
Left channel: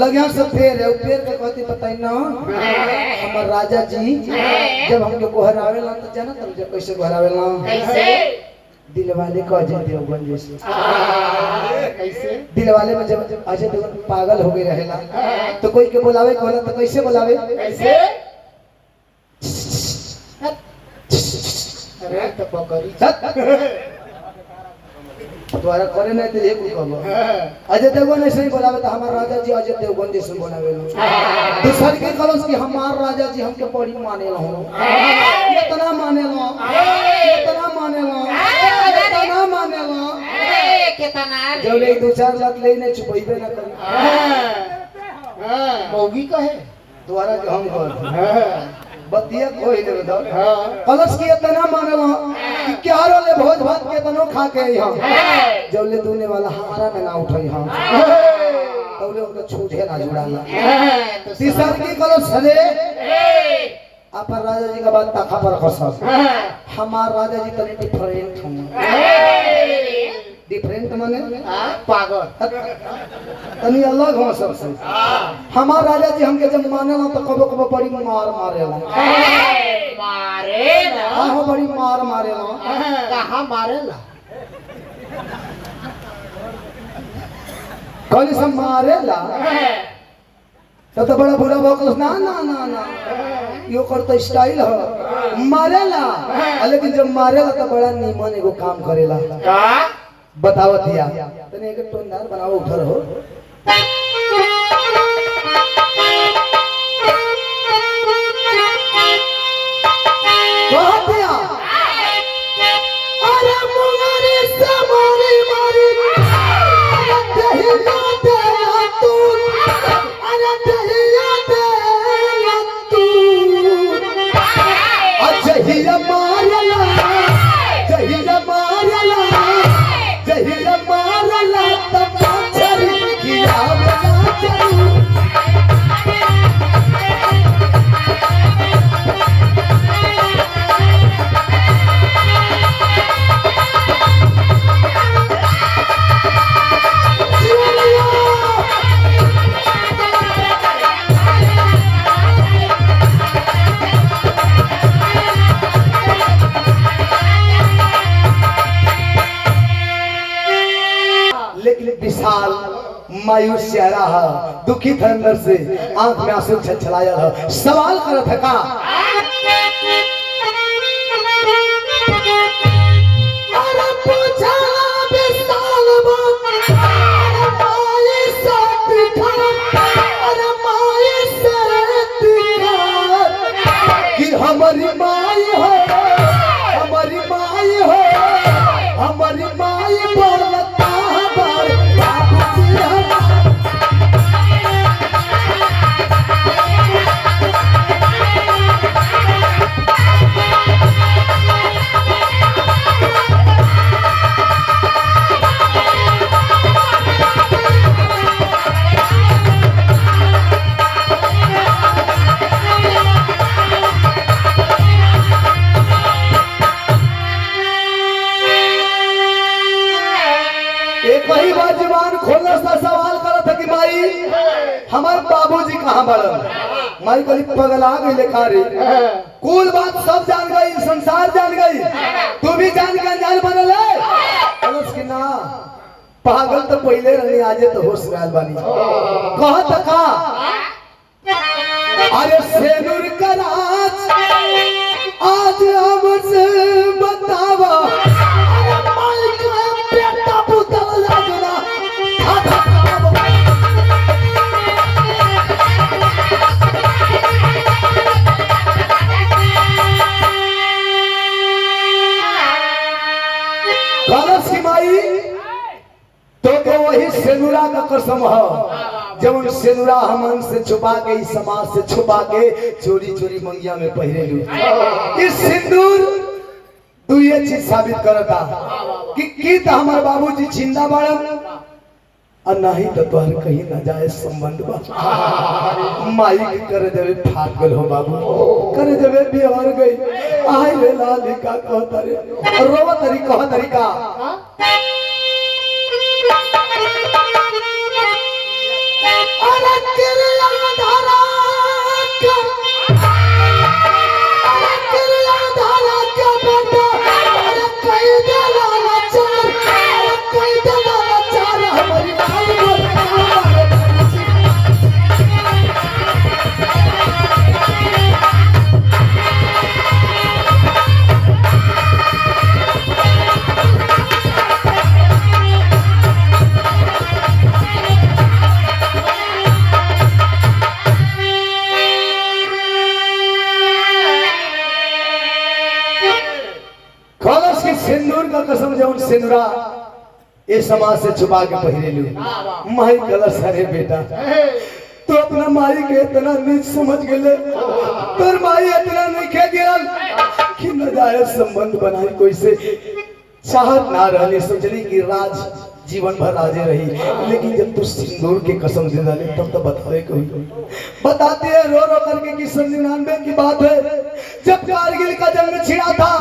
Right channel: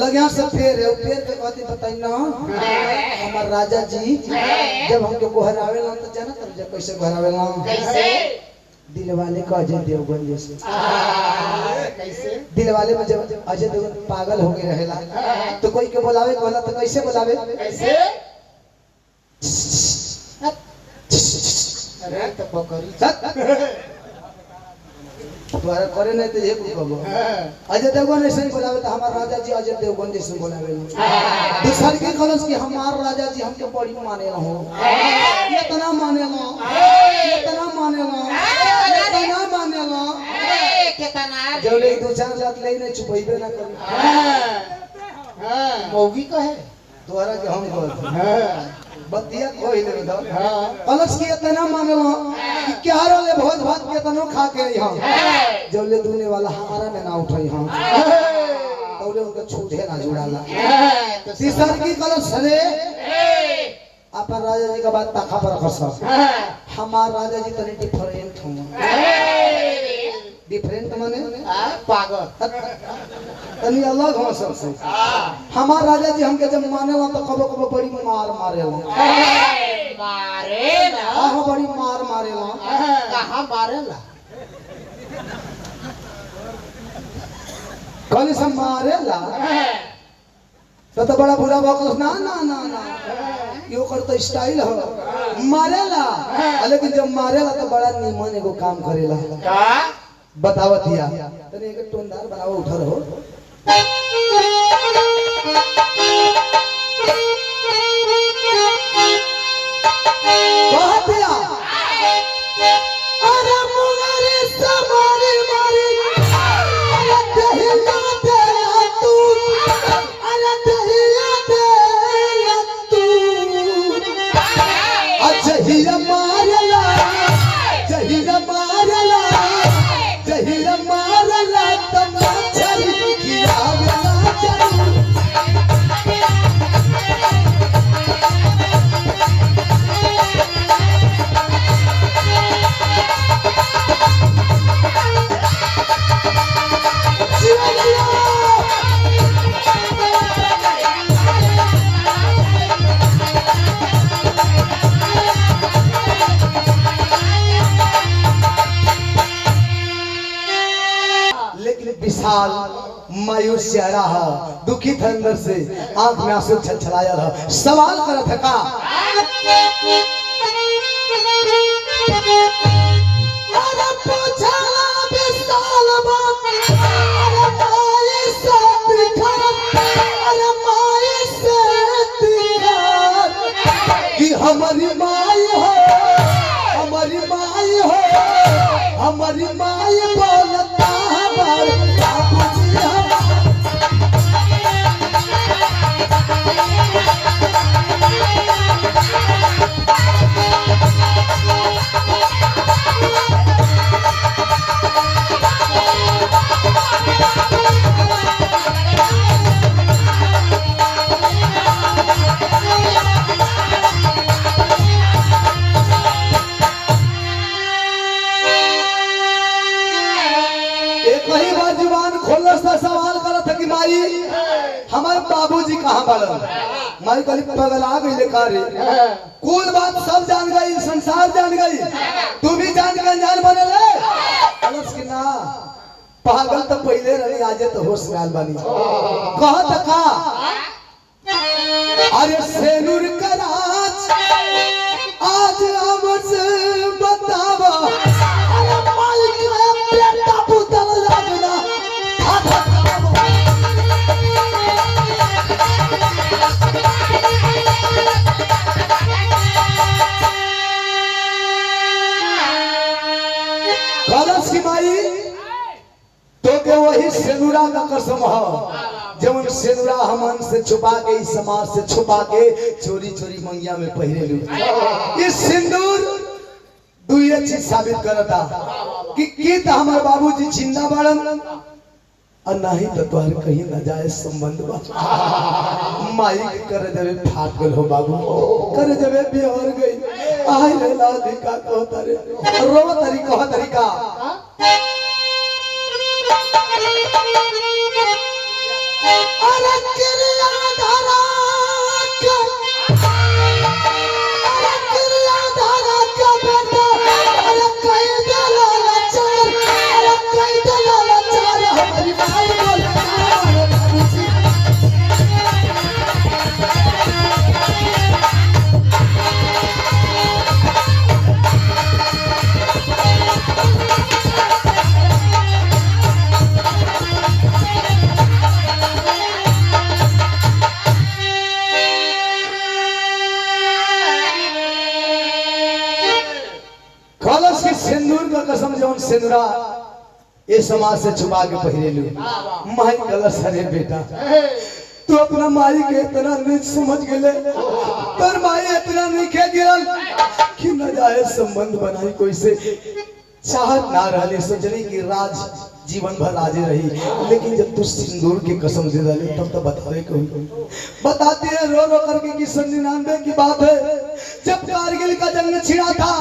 लगे से पेड़ है पेड़ के कहती बताई ना हमार राजा जी जब हमके गोहरावे ला तो जाना तब जब कैसे गोहरावे ला कैसे दिल वाले को अजय देवगन जैसे कैसे दिल वाले में जब अजय देवगन पागल हो गए रहेला तो कोई के बुलावे कहला तो कैसे बुलावे कैसे अरे तो बकरी द्वारा करे नहीं तो एक कहबो अजय देवगन ऐसे ही बोलावे तो हमार राजा जी अजय देवगन जैसे बोलावे दूसर के कलश की हमार राजा जी हमके बड़ी माने हो इतना माने लो इतना माने लो इतना माने लो कितना जब ले 2-4 लाख लेने चुपइबे ना कर मौगी कहे द्वारा के हम कहत बतिया कोई दे दो कलश की इतना माने लो कि क्या रे भोज भात के तनो खा के हम जब ले दुने वाला हमारा में ना उठाई हम और उनका छूटे ना जुड़ाला तीसर की कलश सने अपन राजा जी का बात तखा पर खस हमार राजा जी तनी डिफरेंट हूं डिफरेंट माने पागल तनी अलग हो सबसे हमार राजा जी हमके जब मानेला तो कबो कबो बड़ी मार मारेला मारे ना हां बड़ी मार मारेला कहां मारेला कल से मारेला तो बड़ा बुरा बकस ना ना ना ना यो करता स्टाइल हो मारेला लेकिन जब मारेला तो बड़ा निमन एगो काम करेला का बतावत दिया तने एक टोनदार बनाओ उधर हो कहतिया अरे मोरे समारे मारे दहिया दे तू अरे दहिया दे तू अजहिया मारला जहिया मारला जहिया मारला तब छरी किया ना चली विशाल मायूस चेहरा है दुखी थे अंदर से आंख में आंसू छलछलाया है सवाल करत है का अरे पूछा विशाल बात अरे माई से दिखा अरे माई से दिखा कि हमारी माई हो हमारी माई हो हमारी माई बोलता है खोलने से सवाल करा था कि माई हमारे बाबूजी कहाँ बड़न। माई कहली पगला गई लेखा रे, कुल बात सब जान गई, संसार जान गई, तू भी जान के जान बनल है। अलस की ना पागल तो पहले रहने, आजे तो होश में आल बानी। कहा था का अरे सेनुर कराज आज हमसे बतावा, अरे माई का बेटा पुतल लगना कलश की माई तो के वही सेनुरा का कसम है, जब सेनुरा हमन से छुपा के, इस समाज से छुपा के चोरी चोरी मंगिया में पहिरे लू। इस सिंदूर तू ये चीज साबित करता कि तो हमारे बाबूजी जिंदा बाड़न और नहीं तो तुहार कहीं ना जाए संबंध बा। माई के कर देवे फाट गल हो बाबू, कर देवे बिहार गई। आए रे लालिका कहता रे रोवा तरीका अरे तेरे आधारा का, अरे तेरे आधारा का बेटा, अरे कई दलाला चार, अरे कई दलाला चार हमारी माल बोल। कलश के सिंदूर का कसम जब सिंदूरा ये समाज से छुपा के पहिरे लू। माई कलश है बेटा, तू अपना माई के इतना नीच समझ गए, तर माई इतना नहीं खे गिरल कि न जाए संबंध बनाई कोई से। चाहत ना रहली, सोचली कि राज जीवन भर राजे रही, लेकिन जब तू सिंदूर की कसम दे डाली तब तो बतावे कोई। बताते हैं रो रो करके कि 99 की बात है, जब कारगिल का जंग छिड़ा था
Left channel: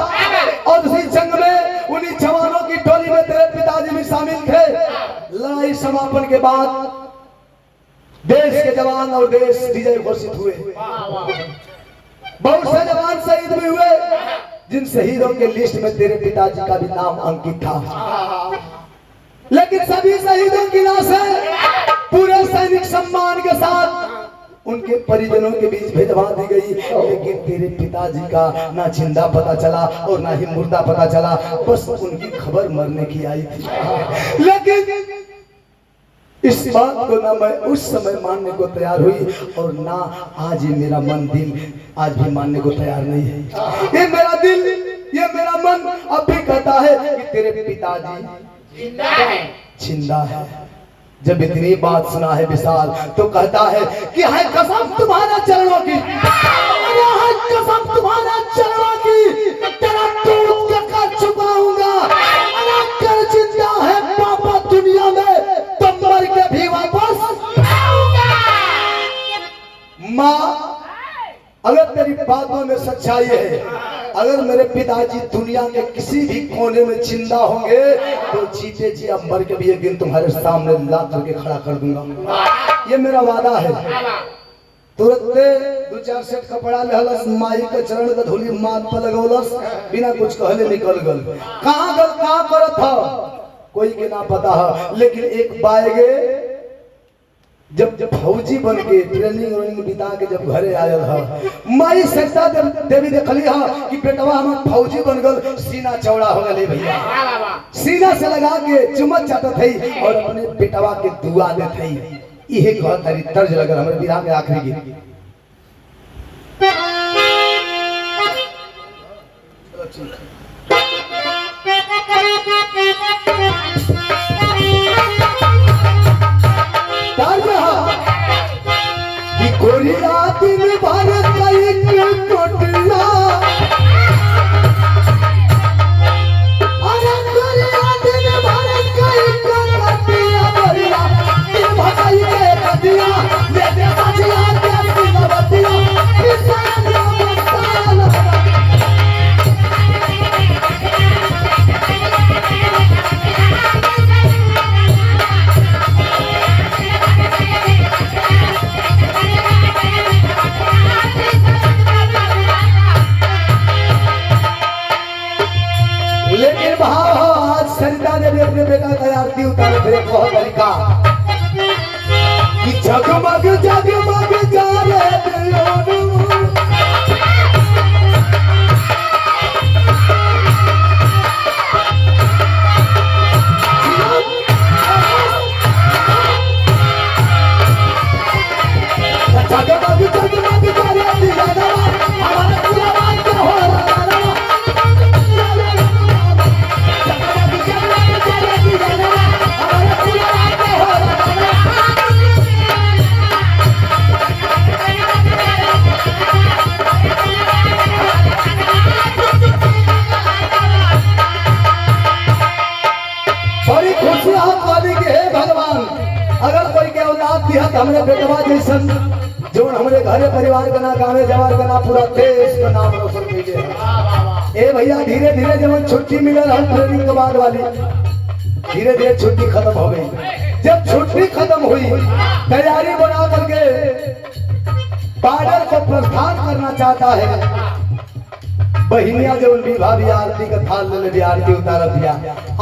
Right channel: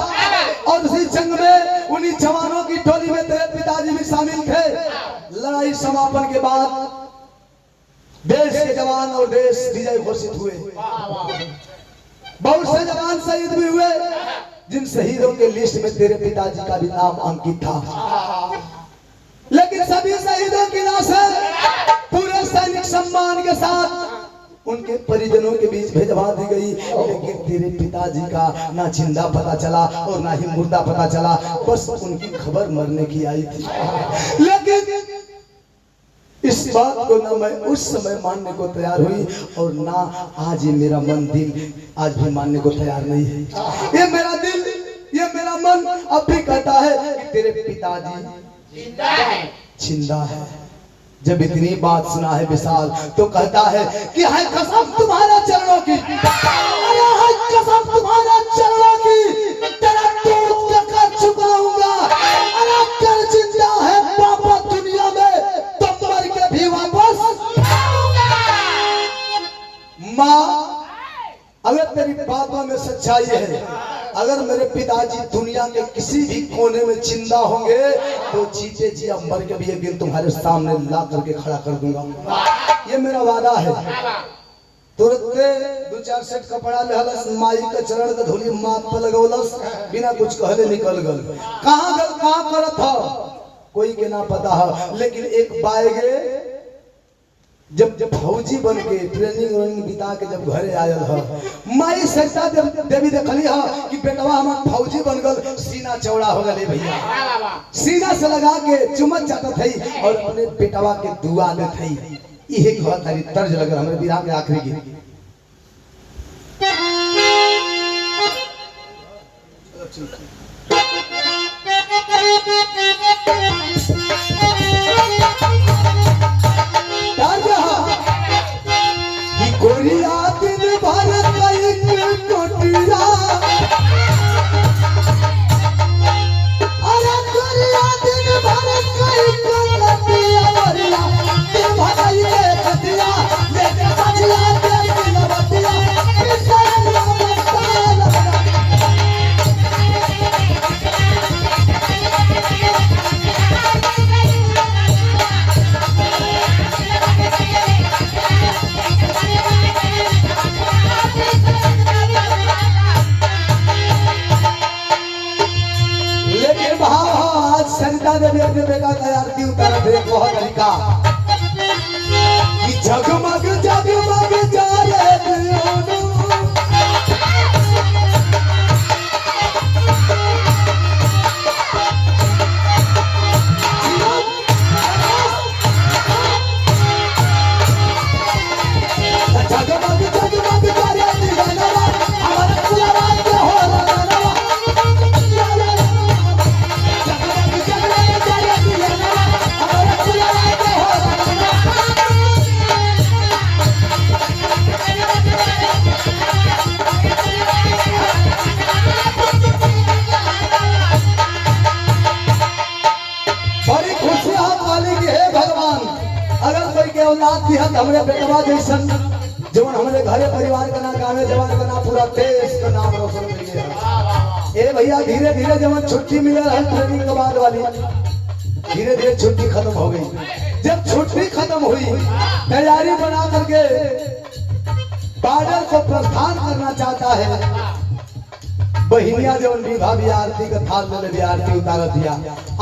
और उसी जंग में उन्हीं जवानों की टोली में तेरे पिताजी भी शामिल थे। लड़ाई समापन के बाद देश के जवान और देश विजय घोषित हुए। बहुत से जवान शहीद भी हुए, जिन शहीदों के लिस्ट में तेरे पिताजी का भी नाम अंकित था। लेकिन सभी शहीदों की लाशें पूरे सैनिक सम्मान के साथ उनके परिजनों के बीच भिजवा दी गई, लेकिन तेरे पिताजी का ना जिंदा पता चला और ना ही मुर्दा पता चला, बस उनकी खबर मरने की आई थी। लेकिन इस बात को ना मैं उस समय मानने को तैयार हुई और ना आज ये मेरा मन दिल आज भी मानने को तैयार नहीं है। ये मेरा दिल, ये मेरा मन अब भी कहता है कि तेरे पिताजी जिंदा है। जब इतनी बात सुना है विशाल तो कहता है कि है कसम तुम्हारा चरणों की, अरे है कसम तुम्हारा चरणों की, तेरा दूध का कर चुकाऊंगा। अरे कर जिंदा है पापा दुनिया में तो मर के भी वापस माँ। अगर तेरी बातों में सच्चाई है, अगर मेरे पिताजी दुनिया के किसी भी कोने में जिंदा होंगे तो जीते जी अब मर के भी एक दिन तुम्हारे सामने ला करके खड़ा कर दूंगा। ये मेरा वादा है। तुरंत 2-4 सेट कपड़ा लेहलस, माई के चरण का धूली माथ पर लगौलस, बिना कुछ कहले निकल गल। कहाँ गल, कहाँ करत था कोई के ना पता है। लेकिन एक बाएगे जब फौजी बन के ट्रेनिंग बिता के जब घरे आयल है, माई सैसा देवी देखली है कि बेटवा हमार फौजी बन गल, सीना चौड़ा हो गए भैया, सीना से लगा के चुमत जाता थी और अपने बेटवा के दुआ देत थी। इहे कहत हरी तर्ज लगल हमरे विधा के आखिरी गीत। गोरिया दिन भर कई टोटिया, अरे गोरिया दिन भर कई टोटिया, गोरिया दिन भर कई टोटिया, लेके बचिया के दिन बतिया, किसान मस्तान। कह लड़का कि जगमग जगमग जाले दियोनु जगमग जगमग जाले दियोनु हमारे पूरा रात हो रहा बड़ी खुशी हम वाली के हे भगवान अगर कोई के औलाद दिया तो हमरे बेटवा जैसन जोन हमरे घरे परिवार का ना गावे जवार का ना पूरा देश का नाम रोशन कइले है। ए भैया धीरे धीरे जब छुट्टी मिलल है ट्रेनिंग के बाद वाली धीरे धीरे छुट्टी खत्म हो गई। जब छुट्टी खत्म हुई तैयारी बना करके बॉर्डर को प्रस्थान करना चाहता है। बहिनिया जवन भी भाभी आरती का थाल में भी आरती उतार दिया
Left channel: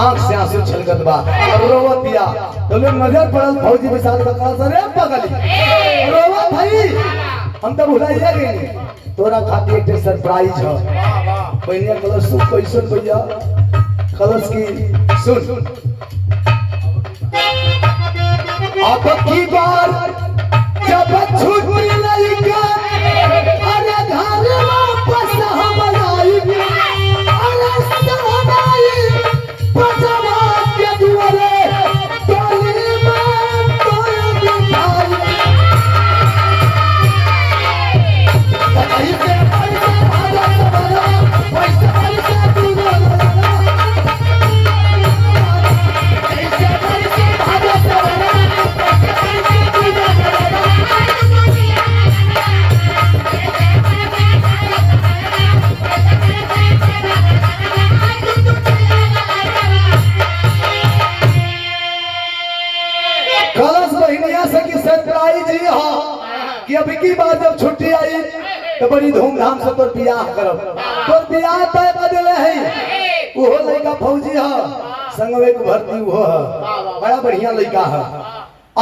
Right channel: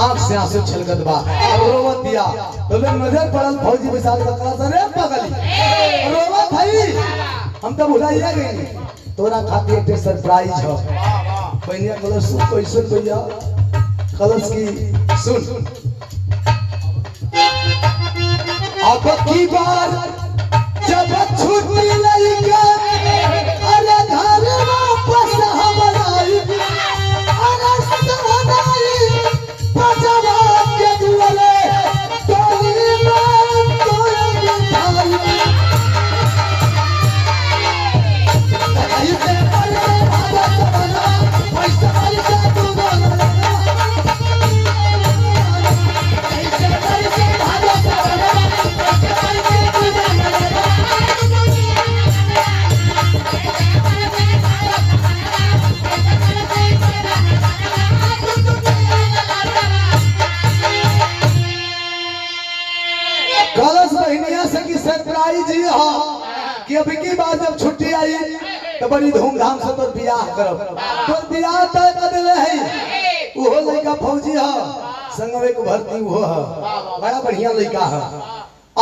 आंख से आंसू छलकत बा अब रोवत दिया तो लोग नजर पड़ल फौजी विशाल का कहा सर पगली रोवत भाई हम तो भुलाइए गए तोरा खातिर एक सरप्राइज है। बहिनिया कलश सुन पैसे भैया कलश की सुन अब की बार जब छुट्टी लइका अरे घर वापस हम आई अरे सदाई पजवा के दुआरे टोली में तोय बिठाई कहीं से पैसा भागा सवारा पैसा पैसा तू ना कहीं से पैसा भागा सवारा कलश बहिनिया से की सरप्राइज ही हा कि अभी की बात जब छुट्टी आई तो बड़ी धूमधाम से तोर बियाह करब तोर बियाह तय कर देले है वो लड़का फौजी हा संगवे को भर्ती हो बड़ा बढ़िया लड़का है।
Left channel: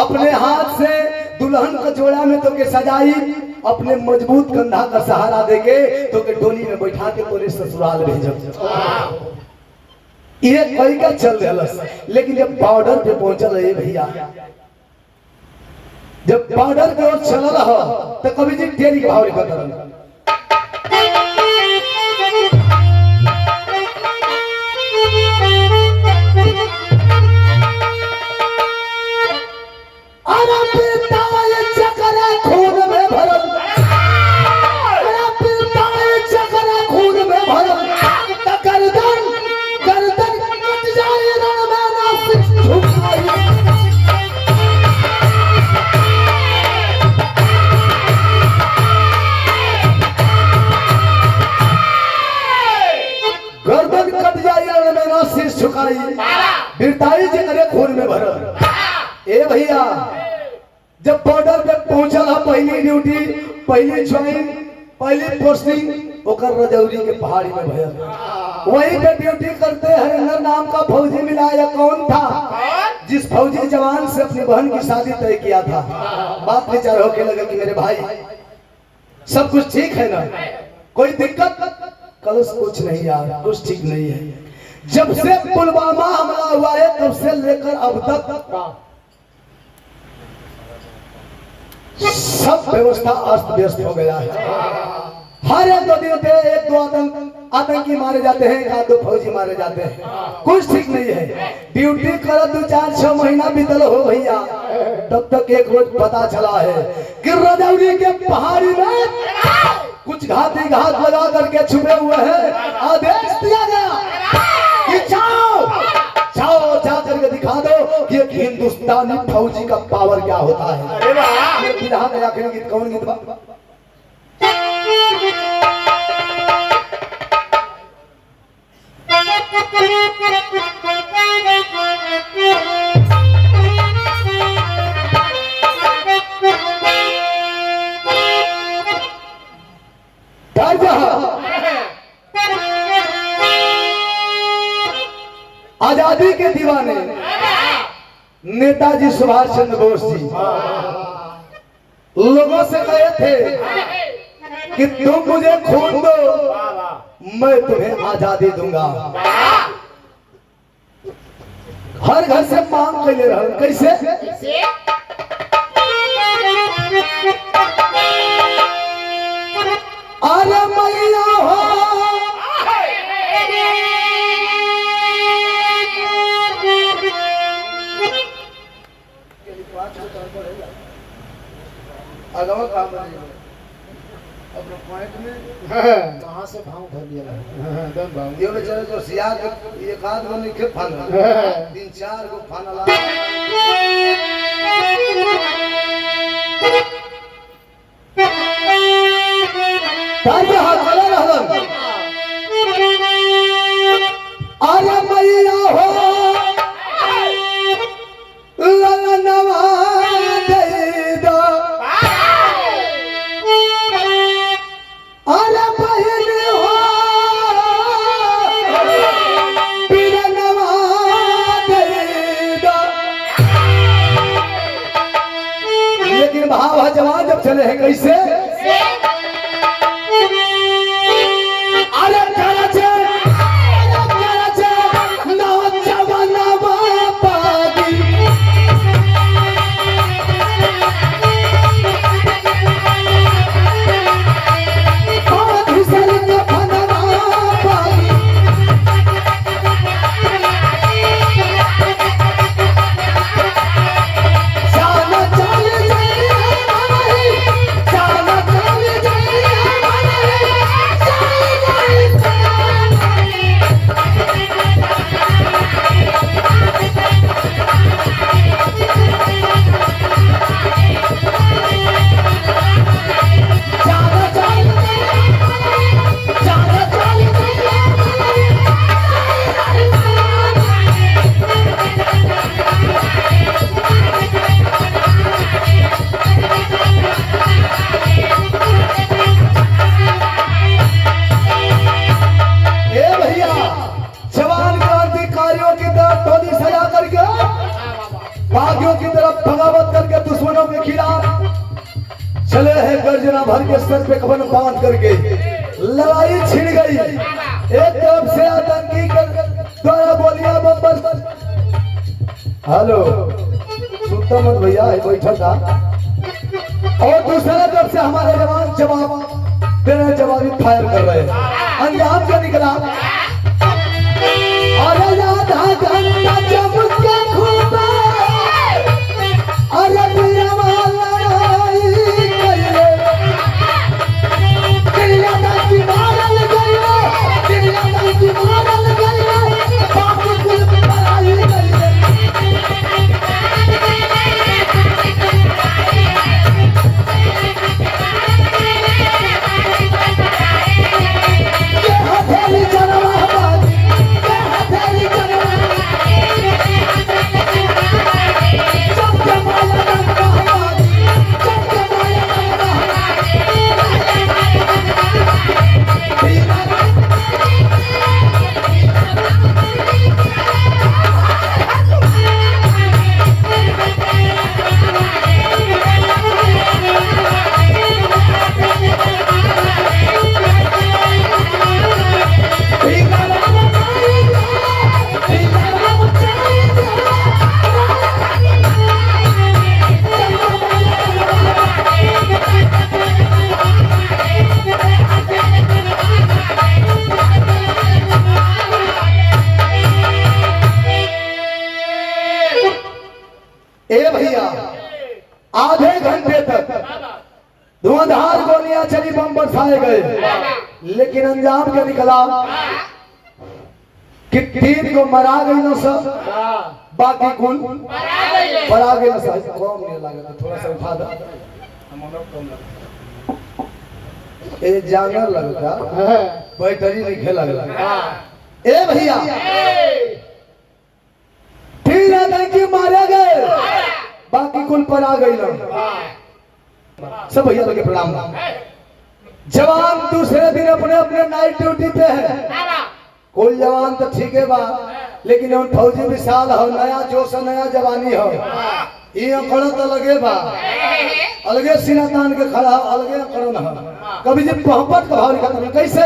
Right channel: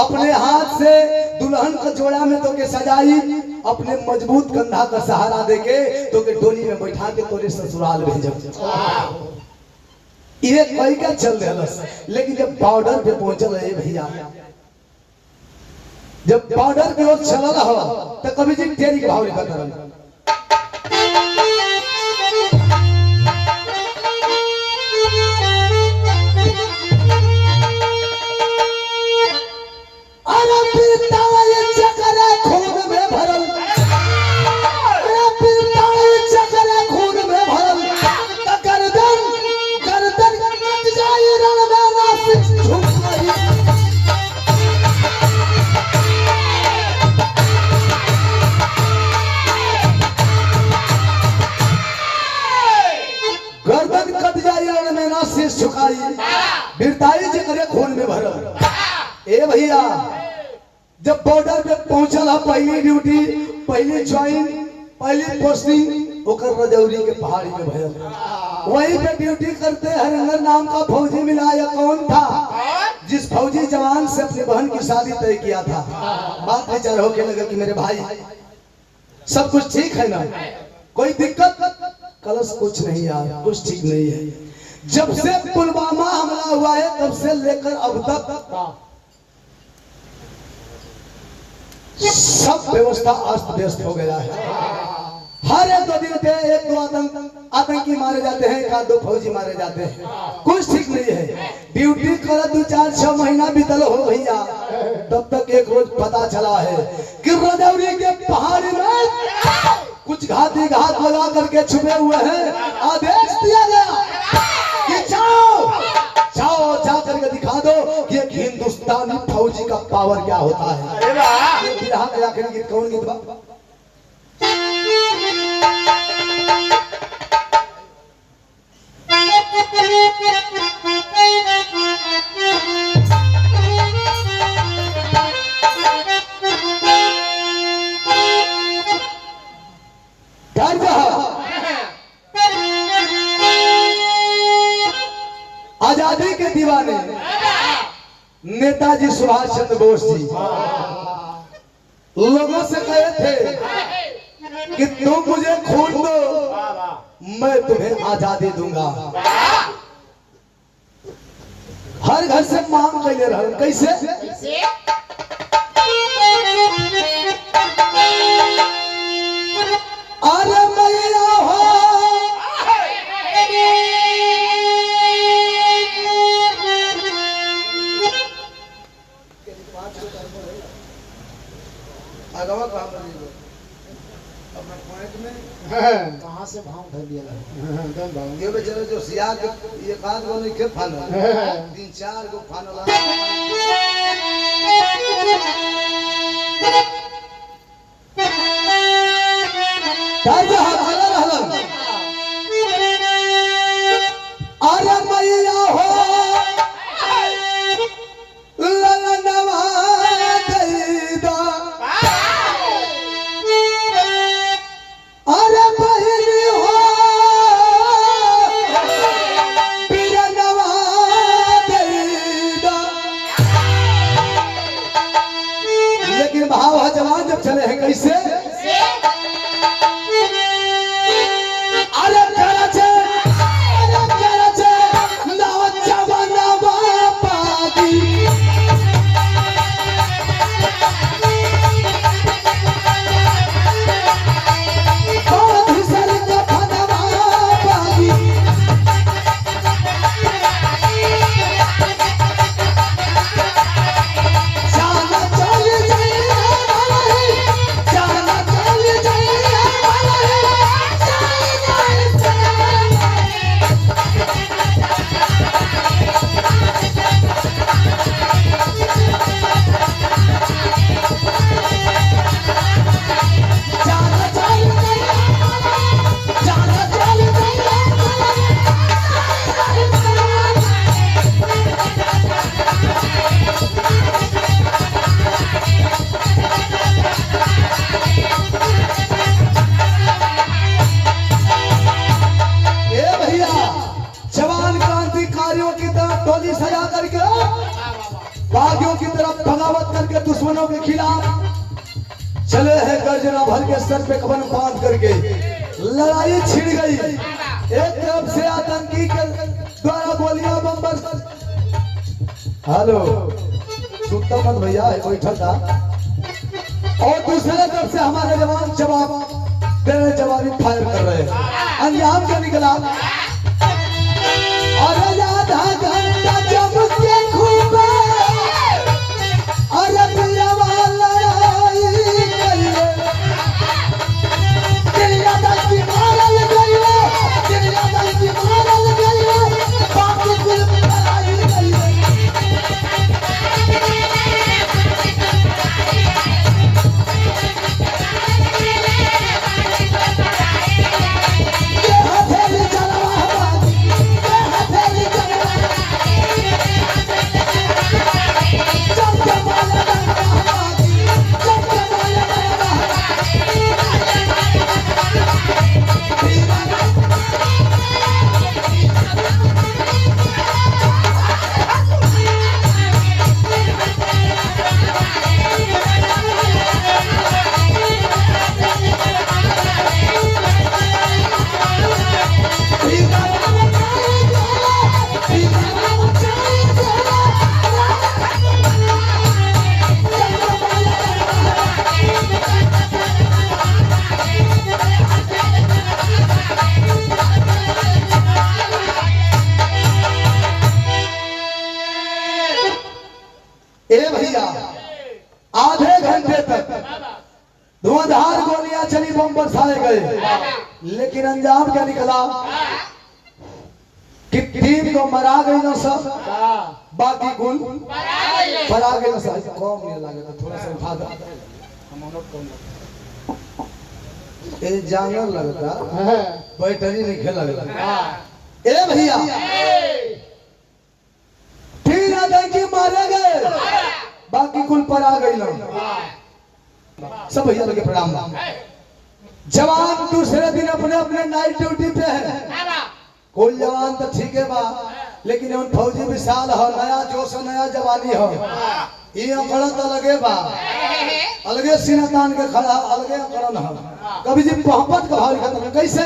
अपने हाथ से दुल्हन का जोड़ा में तो के सजाई अपने मजबूत कंधा का सहारा देके तो के डोली में बैठा के तोरे ससुराल भेजब ये कई का चल देलस। लेकिन जब बॉर्डर पे पहुंचल है भैया जब बॉर्डर पे ओर चलल हो तो कभी जी तेरी के भाव लिखत रहल अरे पिताल चकरा खून में भरल अरे पिताल चकरा खून में भरल त गर्दन गर्दन कट जाए रण में नासिक झुकाई गर्दन कट जाए रण में नासिक झुकाई बिरताई चकरे खून में भरल। ए भैया जब बॉर्डर पे पहुंचल है पहली ड्यूटी पहली ज्वाइन पहली पोस्टिंग ओकर रजौरी के पहाड़ी में भयल वहीं पे ड्यूटी करते हरिंदर नाम का फौजी मिला या कौन था जिस फौजी जवान से अपनी बहन की शादी तय किया था। बात विचार होके लगा कि मेरे भाई सब कुछ ठीक है ना कोई दिक्कत कलश कुछ नहीं यार कुछ ठीक नहीं है। जब से पुलवामा हमला हुआ है तब से लेकर अब तक सब व्यवस्था अस्त व्यस्त हो गया है। हर एक दो दिन पे एक दो आतंकी मारे जाते हैं एक दो फौजी मारे जाते हैं कुछ ठीक नहीं है। ड्यूटी कर 2-4-6 महीना बीतल हो भैया तब तक एक रोज पता चला है कि रजौरी के पहाड़ी में कुछ घाती घात लगा करके छुपे हुए हैं। आदेश दिया गया कि जाओ जा करके दिखा दो कि एक हिंदुस्तानी फौजी का पावर क्या होता है। अरे वाह आखिरी गीत कौन गीत बा आजादी के दीवाने नेताजी सुभाष चंद्र बोस जी लोगों से कहे थे कि तुम मुझे खून दो, मैं तुम्हें आजादी दूंगा। हर घर से मांग के ले रहा हूं। कैसे? अरे मैया हो अगवा काम अपना पॉइंट में कहाँ से भाव धर दिया ये बेचारे जो सियार के एक आध गो नहीं खेत फान 3-4 गो फानला ताजा हला रहलन। अरे मैया हो ललनवा दे दो, अरे बहन हो पिरनवा दे दो। लेकिन भाव जवान जब चले हैं कैसे? अरे कराचे नाव जवाना बापागी, बागियों की तरफ बगावत करके दुश्मनों के खिलाफ चले हैं। गर्जना भर के सर पे कफन बांध करके लड़ाई छिड़ गई। एक तरफ से आतंकी के द्वारा गोलियां बम। हेलो सुनता मत भैया, बैठा था। और दूसरे तरफ से हमारे जवान जवाब देने जवाबी फायर कर रहे हैं। अंजाम क्या निकला? अरे आधा घंटा जब के खूबे अरे पिया वाला दिलिया दादी मारल गई, दिलिया दादी मारल गई, बाप कुल आई गई। ये हथेली जनवा बाबी, ये हथेली जनवा आधे घंटे तक धुआंधार गोलियां चली, बम बरसाए गए, लेकिन अंजाम क्या निकला कि 3 को मरा गई न सब, बाकी कौन मरा गई न सब। कौन नहीं लगा तो थोड़ा सा उठा दो। ये जाना लगता बैटरी नहीं खेला लगा। ए भैया ठीक है मारे गए, बाकी कुल पर आ गई ना। सब भैया लगे प्रणाम। जवान दूसरे दिन अपने अपने नाइट ड्यूटी पे है। कोई जवान तो ठीक है बा लेकिन हम फौजी विशाल हो, नया जोश है, नया जवानी हो, ये अकड़ तो लगे बा, अलगे सीना तान के खड़ा, अलगे अकड़न हो। कभी जी मोहब्बत का भाव लिखा था कैसे?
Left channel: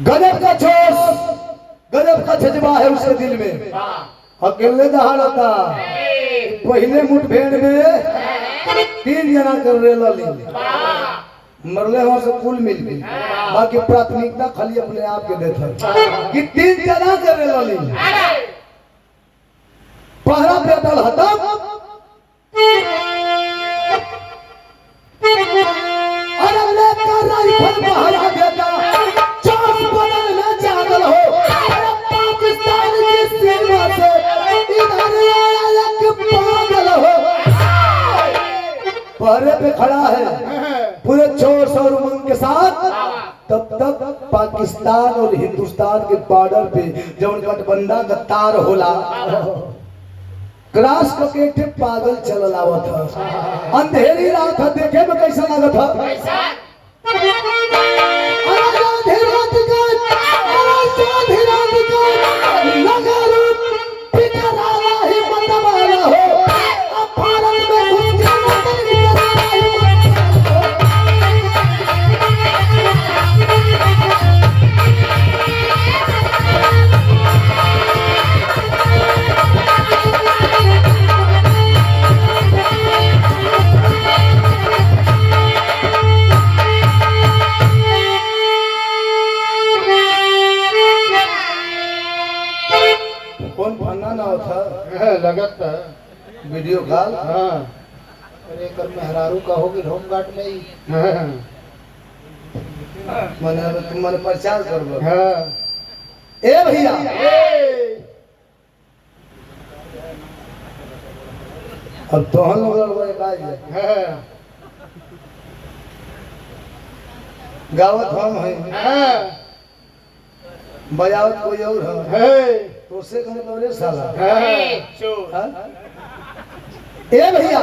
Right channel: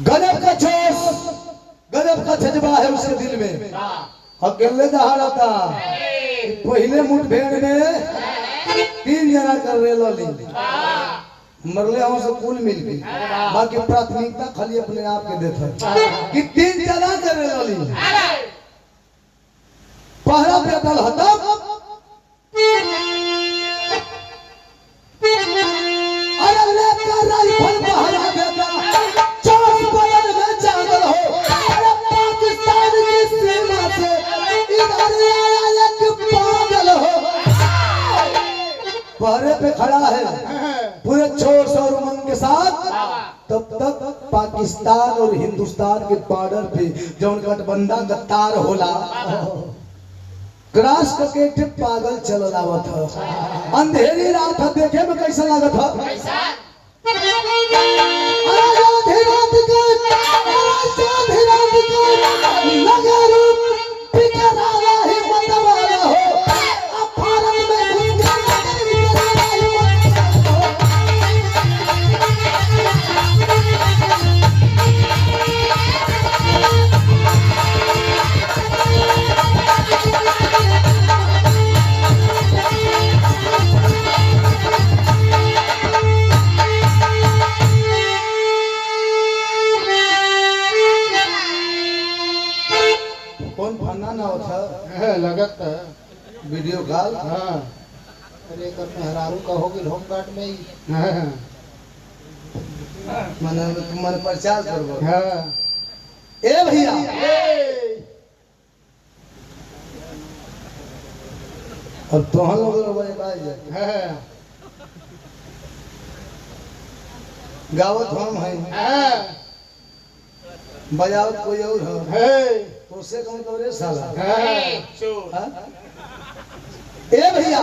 गजब का जोश, गजब का जज्बा है उसके दिल में। अकेले दहाड़ता, पहले मुठभेड़ में 3 जना कर रेला ली, मरले हो से कुल मिल गई, बाकी प्राथमिकता खाली अपने आप के देता कि 3 जना कर रेला ली। पहरा बेटल हता, अरे लेकर राइफल पहरा बेटल बदल में जागल हो। अरे पाकिस्तान की सेना से इधर आया एक पागल हो। पहरे पे खड़ा है पूरे जोश और उमंग के साथ। तब तक पाकिस्तान और हिंदुस्तान के बॉर्डर पे जौन गठबंधन गद्दार होला, क्रॉस करके पागल चल लावा था। अंधेरी रात देखे में कैसा लगा था? लगत वीडियो कॉल। हाँ, अरे कर मेहरारू का होगी होमगार्ड में ही। मने तुम्हारे प्रचार करबो। हाँ, ए भैया, अब तो हम लोग गावत हम है, बजावत कोई और है, तो से कम तो रे साला। ए भैया,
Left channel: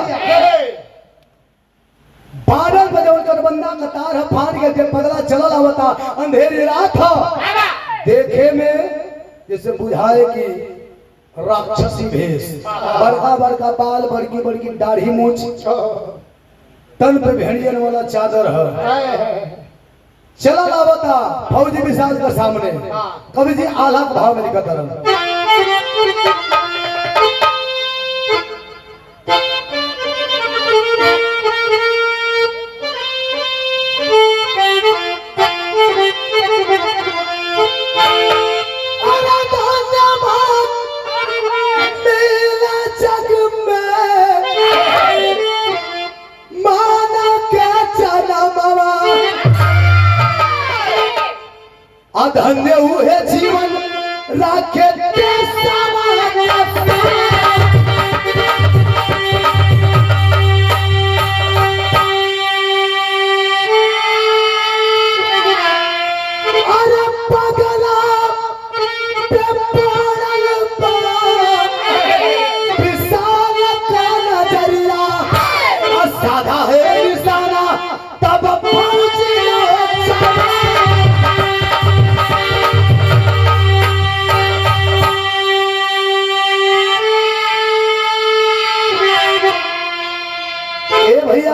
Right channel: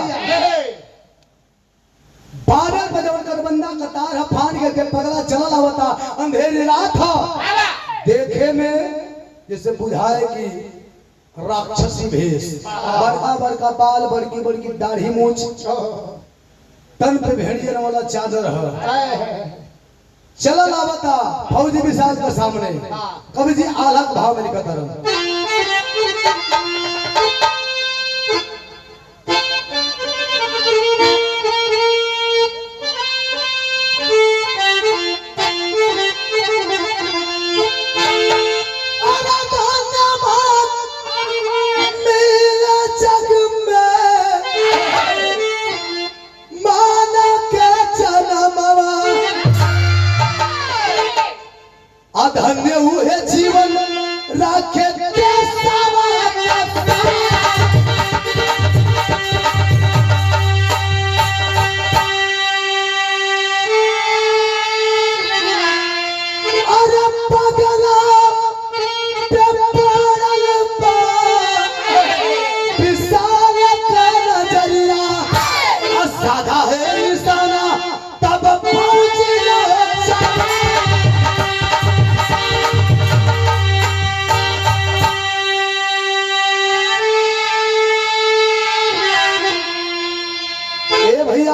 बादल बजौर गठबंधा कतार फाड़ के पगला चला लावता। अंधेरी रात देखे में जैसे बुझाए कि राक्षसी भेष, बड़का बड़का बाल, बड़की बड़की दाढ़ी मूछ, तन पे भेड़ियन वाला चादर है, चला लावता फौजी विशाल के सामने। कवि जी आला भाव में लिखता रहा, धन्य हुए जीवन राखे अरे पगला विशाल का नजरिया साधा है निशाना तब पहुंची।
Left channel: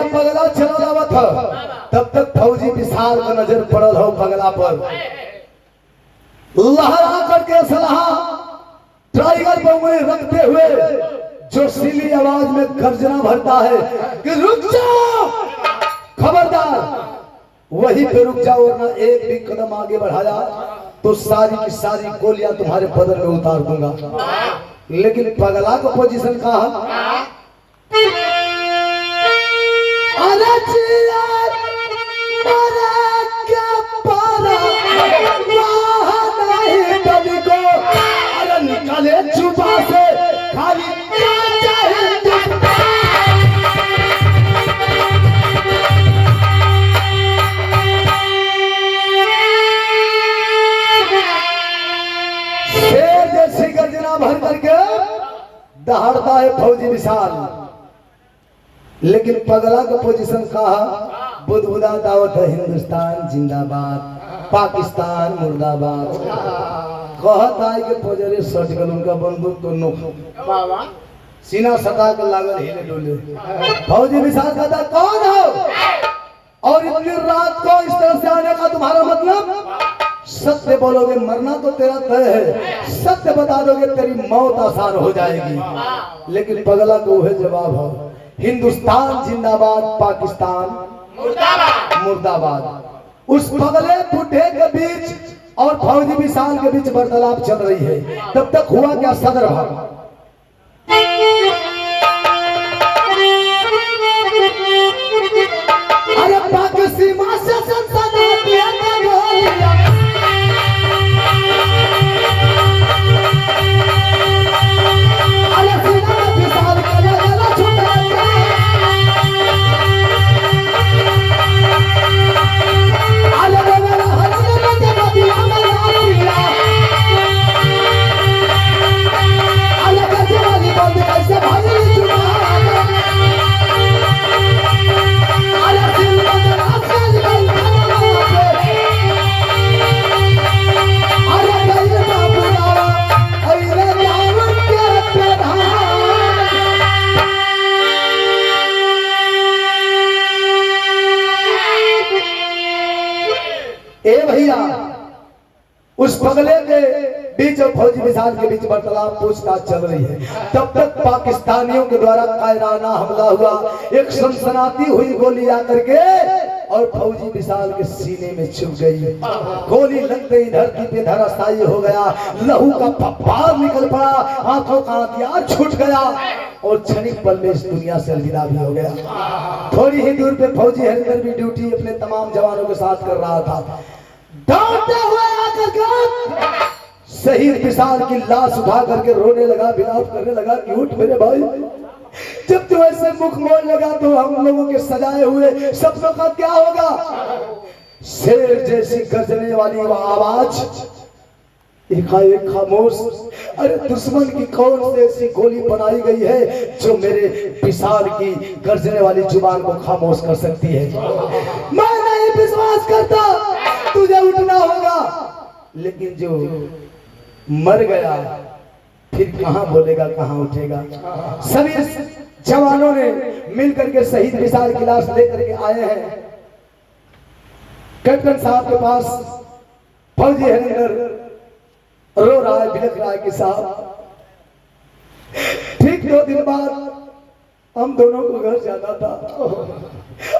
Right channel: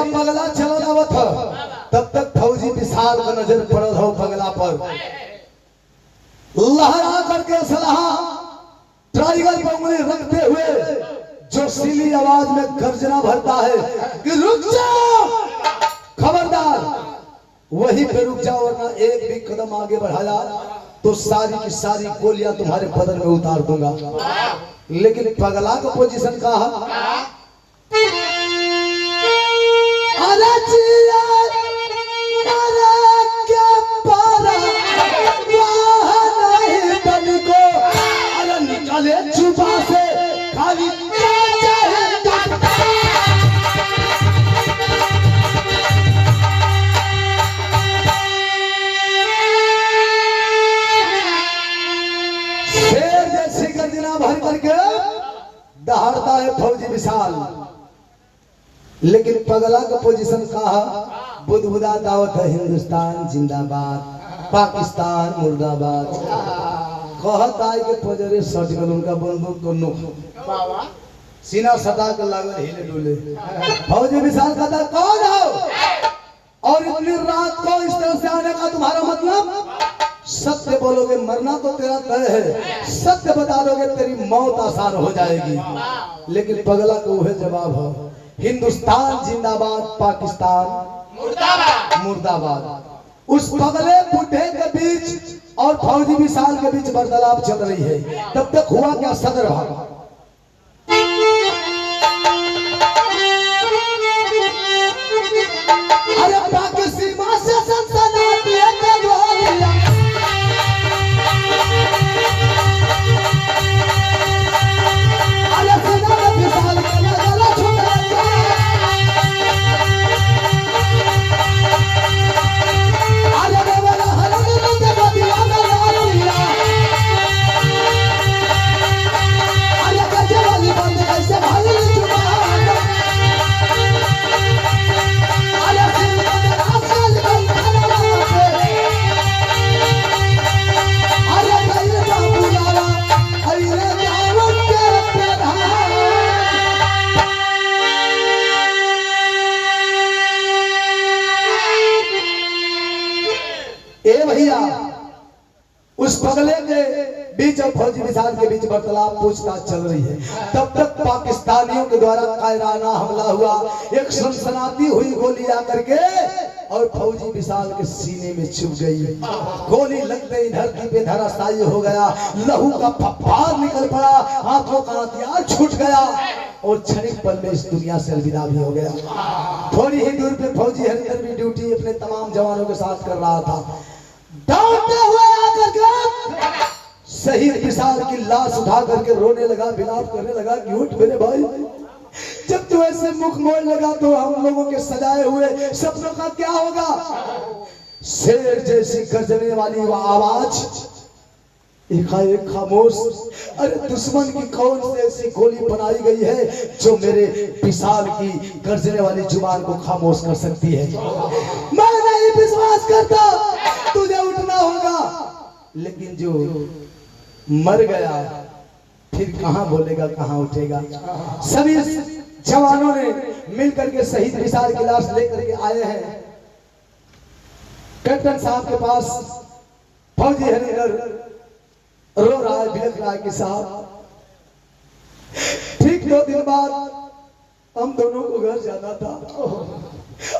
पगला चलो लावत था, तब तक फौजी विशाल का नजर पड़ल हो पगला पर। लहरा करके सलाह ट्राइगर पर रखते हुए जोशीली आवाज में गर्जना भरता है कि रुक जाओ, खबरदार, वहीं पे रुक जाओ वरना एक भी कदम आगे बढ़ाया तो सारी की सारी गोलियां तुम्हारे बदन में उतार दूंगा। लेकिन पगला को पोजीशन कहा, अरे जिया मरे के पारा वहाँ नहीं डली को, अरे निकाले जुबा से खाली शेर जैसी गर्जना भर करके दहाड़ता है फौजी विशाल। लेकिन पगला का पोजीशन कहा, बुदबुदा दावत है हिंदुस्तान जिंदाबाद, पाकिस्तान मुर्दाबाद। कहता है कि फौजरे सट गल उनका बंदूक तो नो सीना सटा के लागल हिले डुले। फौजी विशाल कहता, कौन हो और इतनी रात को इस तरह से आने का तुम्हारा मतलब? सत्य बोलोगे मरना तो तेरा तय है, सत्य बता दोगे तेरी मौत आसान हो जाएगी। लेकिन पगला को वह जवाब है, हिंदुस्तान जिंदाबाद, पाकिस्तान मुर्दाबाद। उस पगले बुढ़े के बीच और फौजी विशाल के बीच वार्तालाप चल रही है। तब तक हुआ क्या, सदर भागा। अरे पाक सीमा से सनसनाहट लेके गया, अरे सीना में विशाल का गला छूट गया, अरे मेरा हरम में जब दिया मेरा दिया, अरे कैसे वाली बंद कैसे भाई चुका, ए भैया, उस पगले के बीच और फौजी विशाल के बीच वार्तालाप पूछताछ चल रही है। तब तक पाकिस्तानियों के द्वारा कायराना हमला हुआ, एक सनसनाती हुई गोली आकर के और फौजी विशाल के सीने में छुप गई। गोली लगते ही धरती पे धराशायी हो गया, लहू का फव्वार निकल पड़ा, हाथों का हथियार छूट गया और क्षणिक पल में इस दुनिया से अलविदा भी हो गया। थोड़ी ही दूर पे फौजी हरिंदर भी ड्यूटी अपने तमाम जवानों के साथ कर रहा था। दौड़ते हुए आकर के शहीद विशाल की लाश उठा करके रोने लगा, विलाप करने लगा कि उठ मेरे भाई, जब तू ऐसे मुख मोड़ लगा तो हम लोगों के सजाए हुए सपनों का क्या होगा? शेर जैसी गरजने वाली आवाज एकाएक खामोश। अरे दुश्मन की कौन सी ऐसी गोली बनाई गई है जो मेरे विशाल की गर्जने वाली जुबान को खामोश कर सकती है? मैं नहीं विश्वास करता, तुझे उठना होगा। लेकिन जो मर गया फिर कहां बोलेगा, कहां उठेगा? सभी जवानों ने मिलकर के शहीद विशाल की लाश लेकर के आए हैं कैप्टन साहब के पास। फौजी हरिंदर रो रहा है, बिलख रहा है कि साहब ठीक 2 दिन बाद हम दोनों को घर जाना था,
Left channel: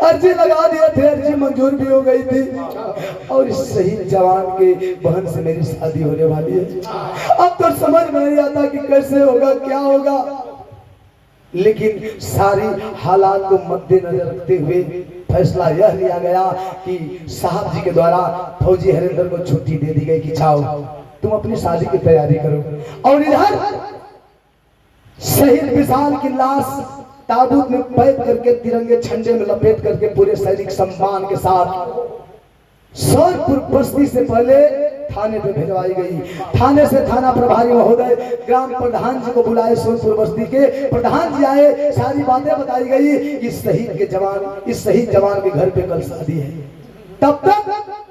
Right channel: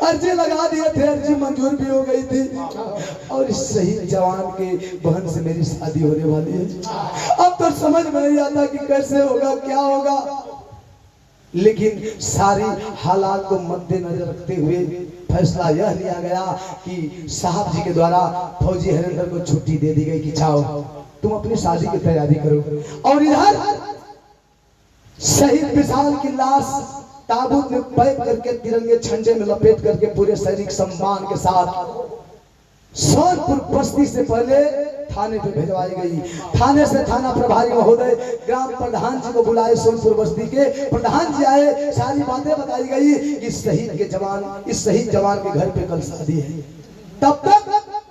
अर्जी लगा दिए थे, अर्जी मंजूर भी हो गई थी और इस शहीद जवान के बहन से मेरी शादी होने वाली है। अब तो समझ में नहीं आता कि कैसे होगा, क्या होगा। लेकिन सारी हालात को मद्देनजर रखते हुए फैसला यह लिया गया कि साहब जी के द्वारा फौजी हरिंदर को छुट्टी दे दी गई कि जाओ तुम अपनी शादी की तैयारी करो। और इधर शहीद विशाल की लाश ताबूत में पैक करके तिरंगे झंडे में लपेट करके पूरे सैनिक सम्मान के साथ सोनपुर बस्ती से पहले थाने पे भिजवाई गई। थाने से थाना प्रभारी महोदय ग्राम प्रधान जी को बुलाए, सोनपुर बस्ती के प्रधान जी आए, सारी बातें बताई गई कि इस शहीद जवान के घर पे कल शादी है। तब तक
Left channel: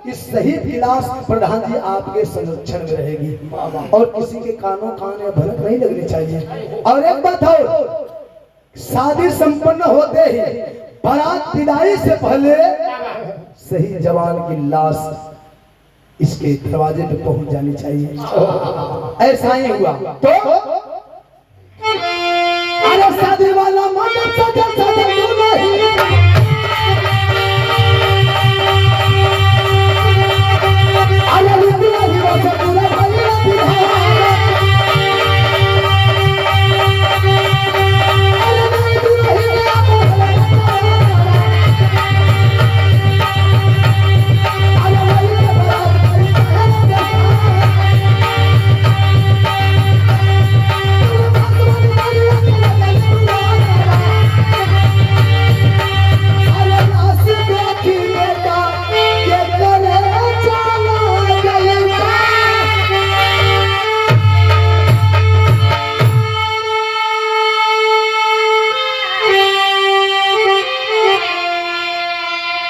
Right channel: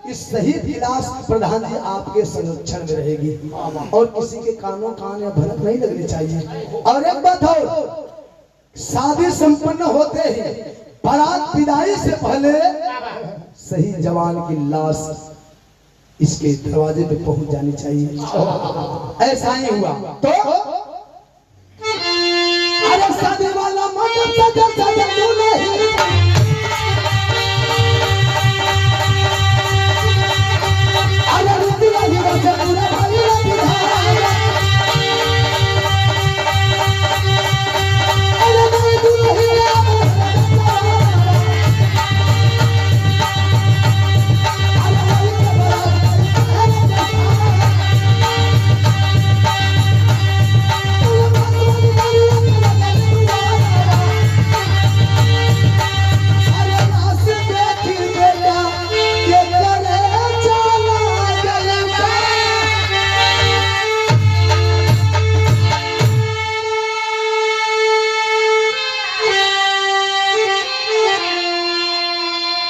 इस शहीद की लाश प्रधान जी आपके संरक्षण में रहेगी और किसी के कानों कान या भनक नहीं लगनी चाहिए। और एक बात और, शादी संपन्न होते ही बारात विदाई से पहले शहीद जवान की लाश इसके दरवाजे पे पहुंच जानी चाहिए। ऐसा ही हुआ तो शादी वाला मंडप सजा सजा दुल्हन अरे दुल्हन बसे पूरा भइला बिहार अरे दुल्हन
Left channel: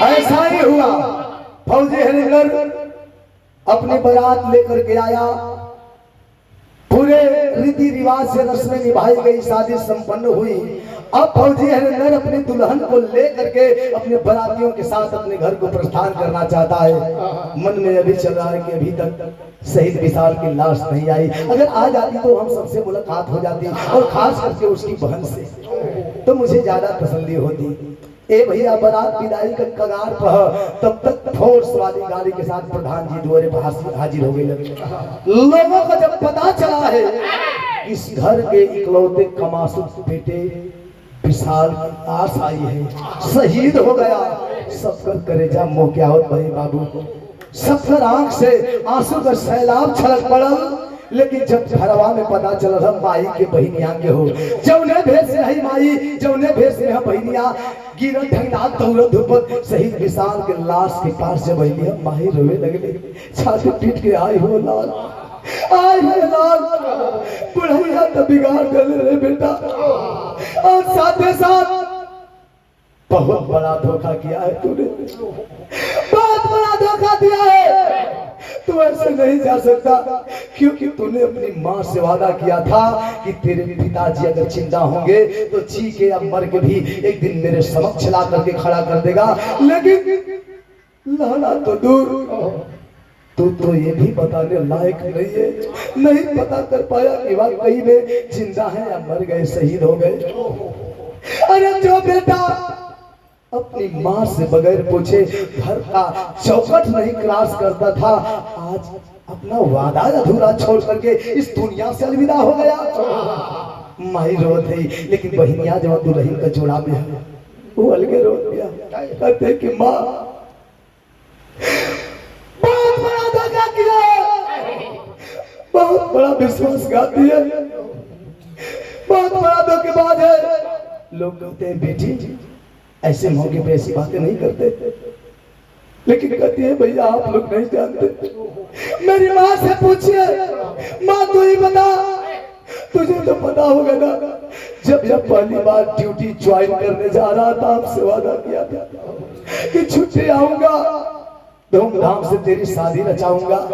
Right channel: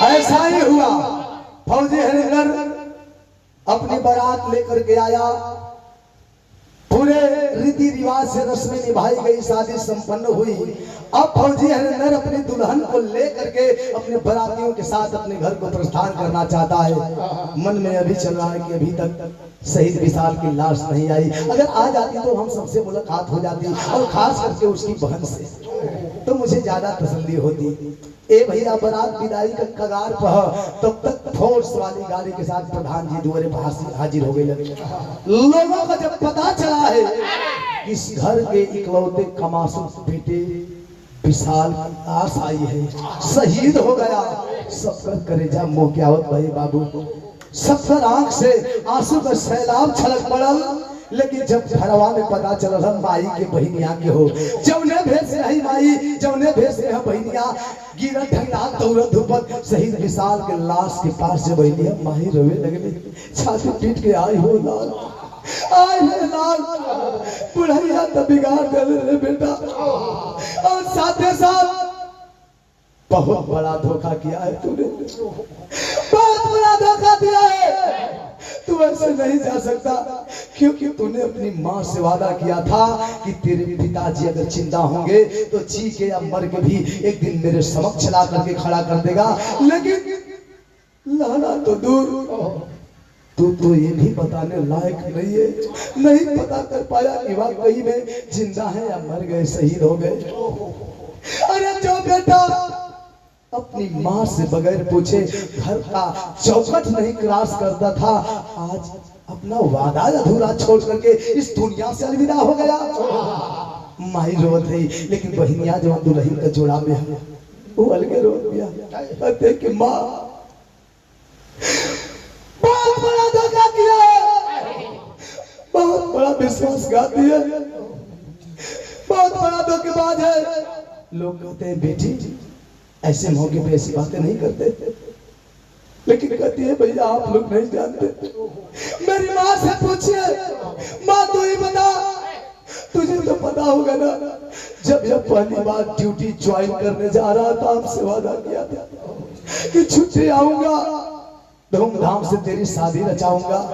ऐसा ही हुआ। फौजी हरिंदर अपनी बारात लेकर के आया, पूरे रीति रिवाज से रस्में निभाई गई, शादी संपन्न हुई। अब फौजी हरिंदर अपनी दुल्हन को लेकर के अपने बारातियों के साथ अपने घर को प्रस्थान करना चाहता है। मन में अभी चल रहा है कि अभी तक शहीद विशाल की लाश नहीं आई, अगर आ जाती तो हम सबसे मुलाकात हो जाती और खास करके उसकी बहन से, तो मुझे ज्यादा तसल्ली होती। ए भैया बारात विदाई का कगार पर, तब तक फोर्स वाली गाड़ी के साथ प्रधान जी द्वारे हाजिर हो गए। लोगों को जब पता चला है इस घर के इकलौते कमासुत बेटे विशाल की लाश आई है, शहीद हो गया, सबका कलेजा मुंह क्या होत भाई बाबू, सबकर आंख से आंसू का सैलाब छलक पड़ल। लेकिन जब घरवा में पता चल रहा माई के बहिनिया के हो, जौने भेष रही माई, जौने भेष में हम बहिनिया गिरत ढंगा दौड़त धूपत शहीद विशाल के लाश के पास जब बहिनिया माई रोने लगले, छाती पीट के आई हो लाल, आई हो लाल, बुढ़ैया तो बिगाड़ गले रे बेटा, और साथे साथ बहुत बड़ा धोखा किया है तूने, बहुत बड़ा धोखा दिया है। तू ऐसे नहीं जा सकता, क्योंकि तूने अपनी माँ से वादा किया था कि तेरे पिताजी अगर जिंदा होंगे तो जी के या मर के भी एक दिन मेरे समक्ष ला करके खड़ा कर देगा। लेकिन लाना तो दूर, तू तो ये भी बताने लायक नहीं है, नहीं पता कर पाया कि वाकई में जिंदा है या मर गए, शहीद हो गए। अरे जो बेटा अपनी माँ से बगैर पूछे घर का चौखट नहीं क्रॉस करता था, आज अपना वादा अधूरा छोड़ करके इस दुनिया से अलविदा हो गया। माई रोत है, लेकिन बहिनिया जो दुल्हन का जोड़ा में है वो अलगे रोत दिया, कहते कि माँ बहुत बड़ा धोखा किया, बहुत बड़ा विश्वासघात है, बहुत बड़ा धोखेबाज है। लोग कहते हैं बेटी ऐसे मौके पे ऐसी बातें नहीं करते, लेकिन कहती है भैया आप लोग नहीं जानते। मेरी माँ से पूछिए, माँ तू ही बता, तुझे तो पता होगा ना, जब पहली बार ड्यूटी ज्वाइन करने जा रहा था आपसे वादा किया था कि छुट्टी आऊंगा, धूमधाम से तेरी शादी रचाऊंगा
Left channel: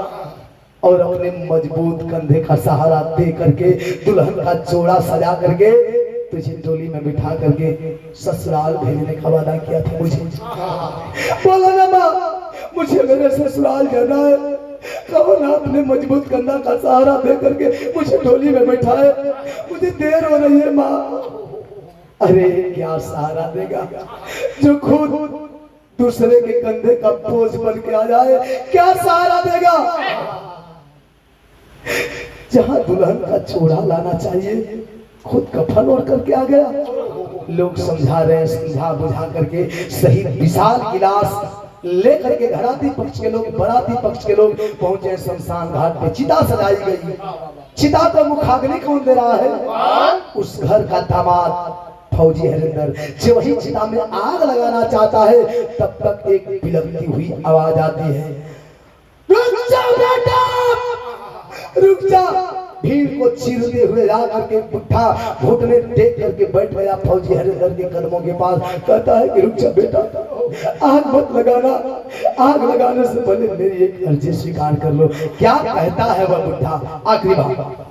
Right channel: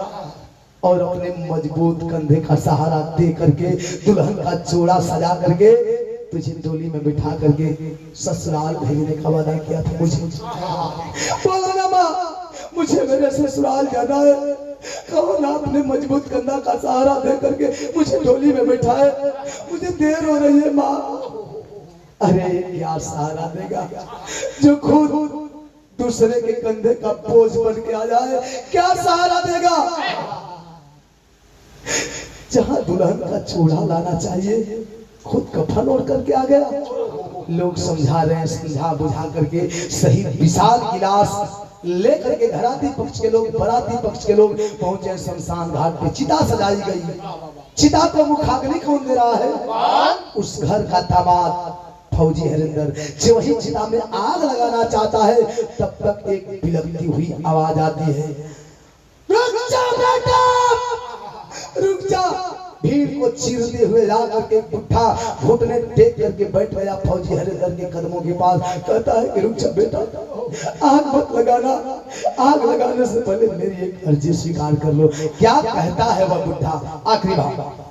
और अपने मजबूत कंधे का सहारा दे करके दुल्हन का जोड़ा सजा करके तुझे डोली में बिठा करके ससुराल भेजने का वादा किया था मुझे। बोला ना माँ, मुझे मेरे ससुराल जाना है, कहो ना अपने मजबूत कंधा का सहारा दे करके मुझे डोली में बिठाए, मुझे देर हो रही है माँ। अरे क्या सहारा देगा जो खुद दूसरे के कंधे का बोझ बन के आ जाए, क्या सहारा देगा। जहां दुल्हन का चूड़ा लाना चाहिए खुद कफन ओढ़ करके आ गया। लोग समझा रहे हैं, समझा बुझा करके शहीद विशाल की लाश लेकर के घराती पक्ष के लोग, बराती पक्ष के लोग पहुंचे शमशान घाट पे। चिता सजाई गई, चिता का मुखाग्नि कौन दे रहा है? उस घर का दामाद फौजी हरिंदर। जो वही चिता में आग लगाना चाहता है, तब तक एक बिलखती हुई आवाज आती है, रुक जा बेटा, रुक जा। भीड़ को चीरते हुए जा करके बुढ़ा घुटने टेक करके बैठ गया फौजी हरिंदर के कदमों के पास। कहता है कि रुक जा बेटा, आग मत लगाना, आग लगाने से पहले मेरी एक अर्जी स्वीकार कर लो। क्या कहता है वह बुढ़ा? आखिरी बात,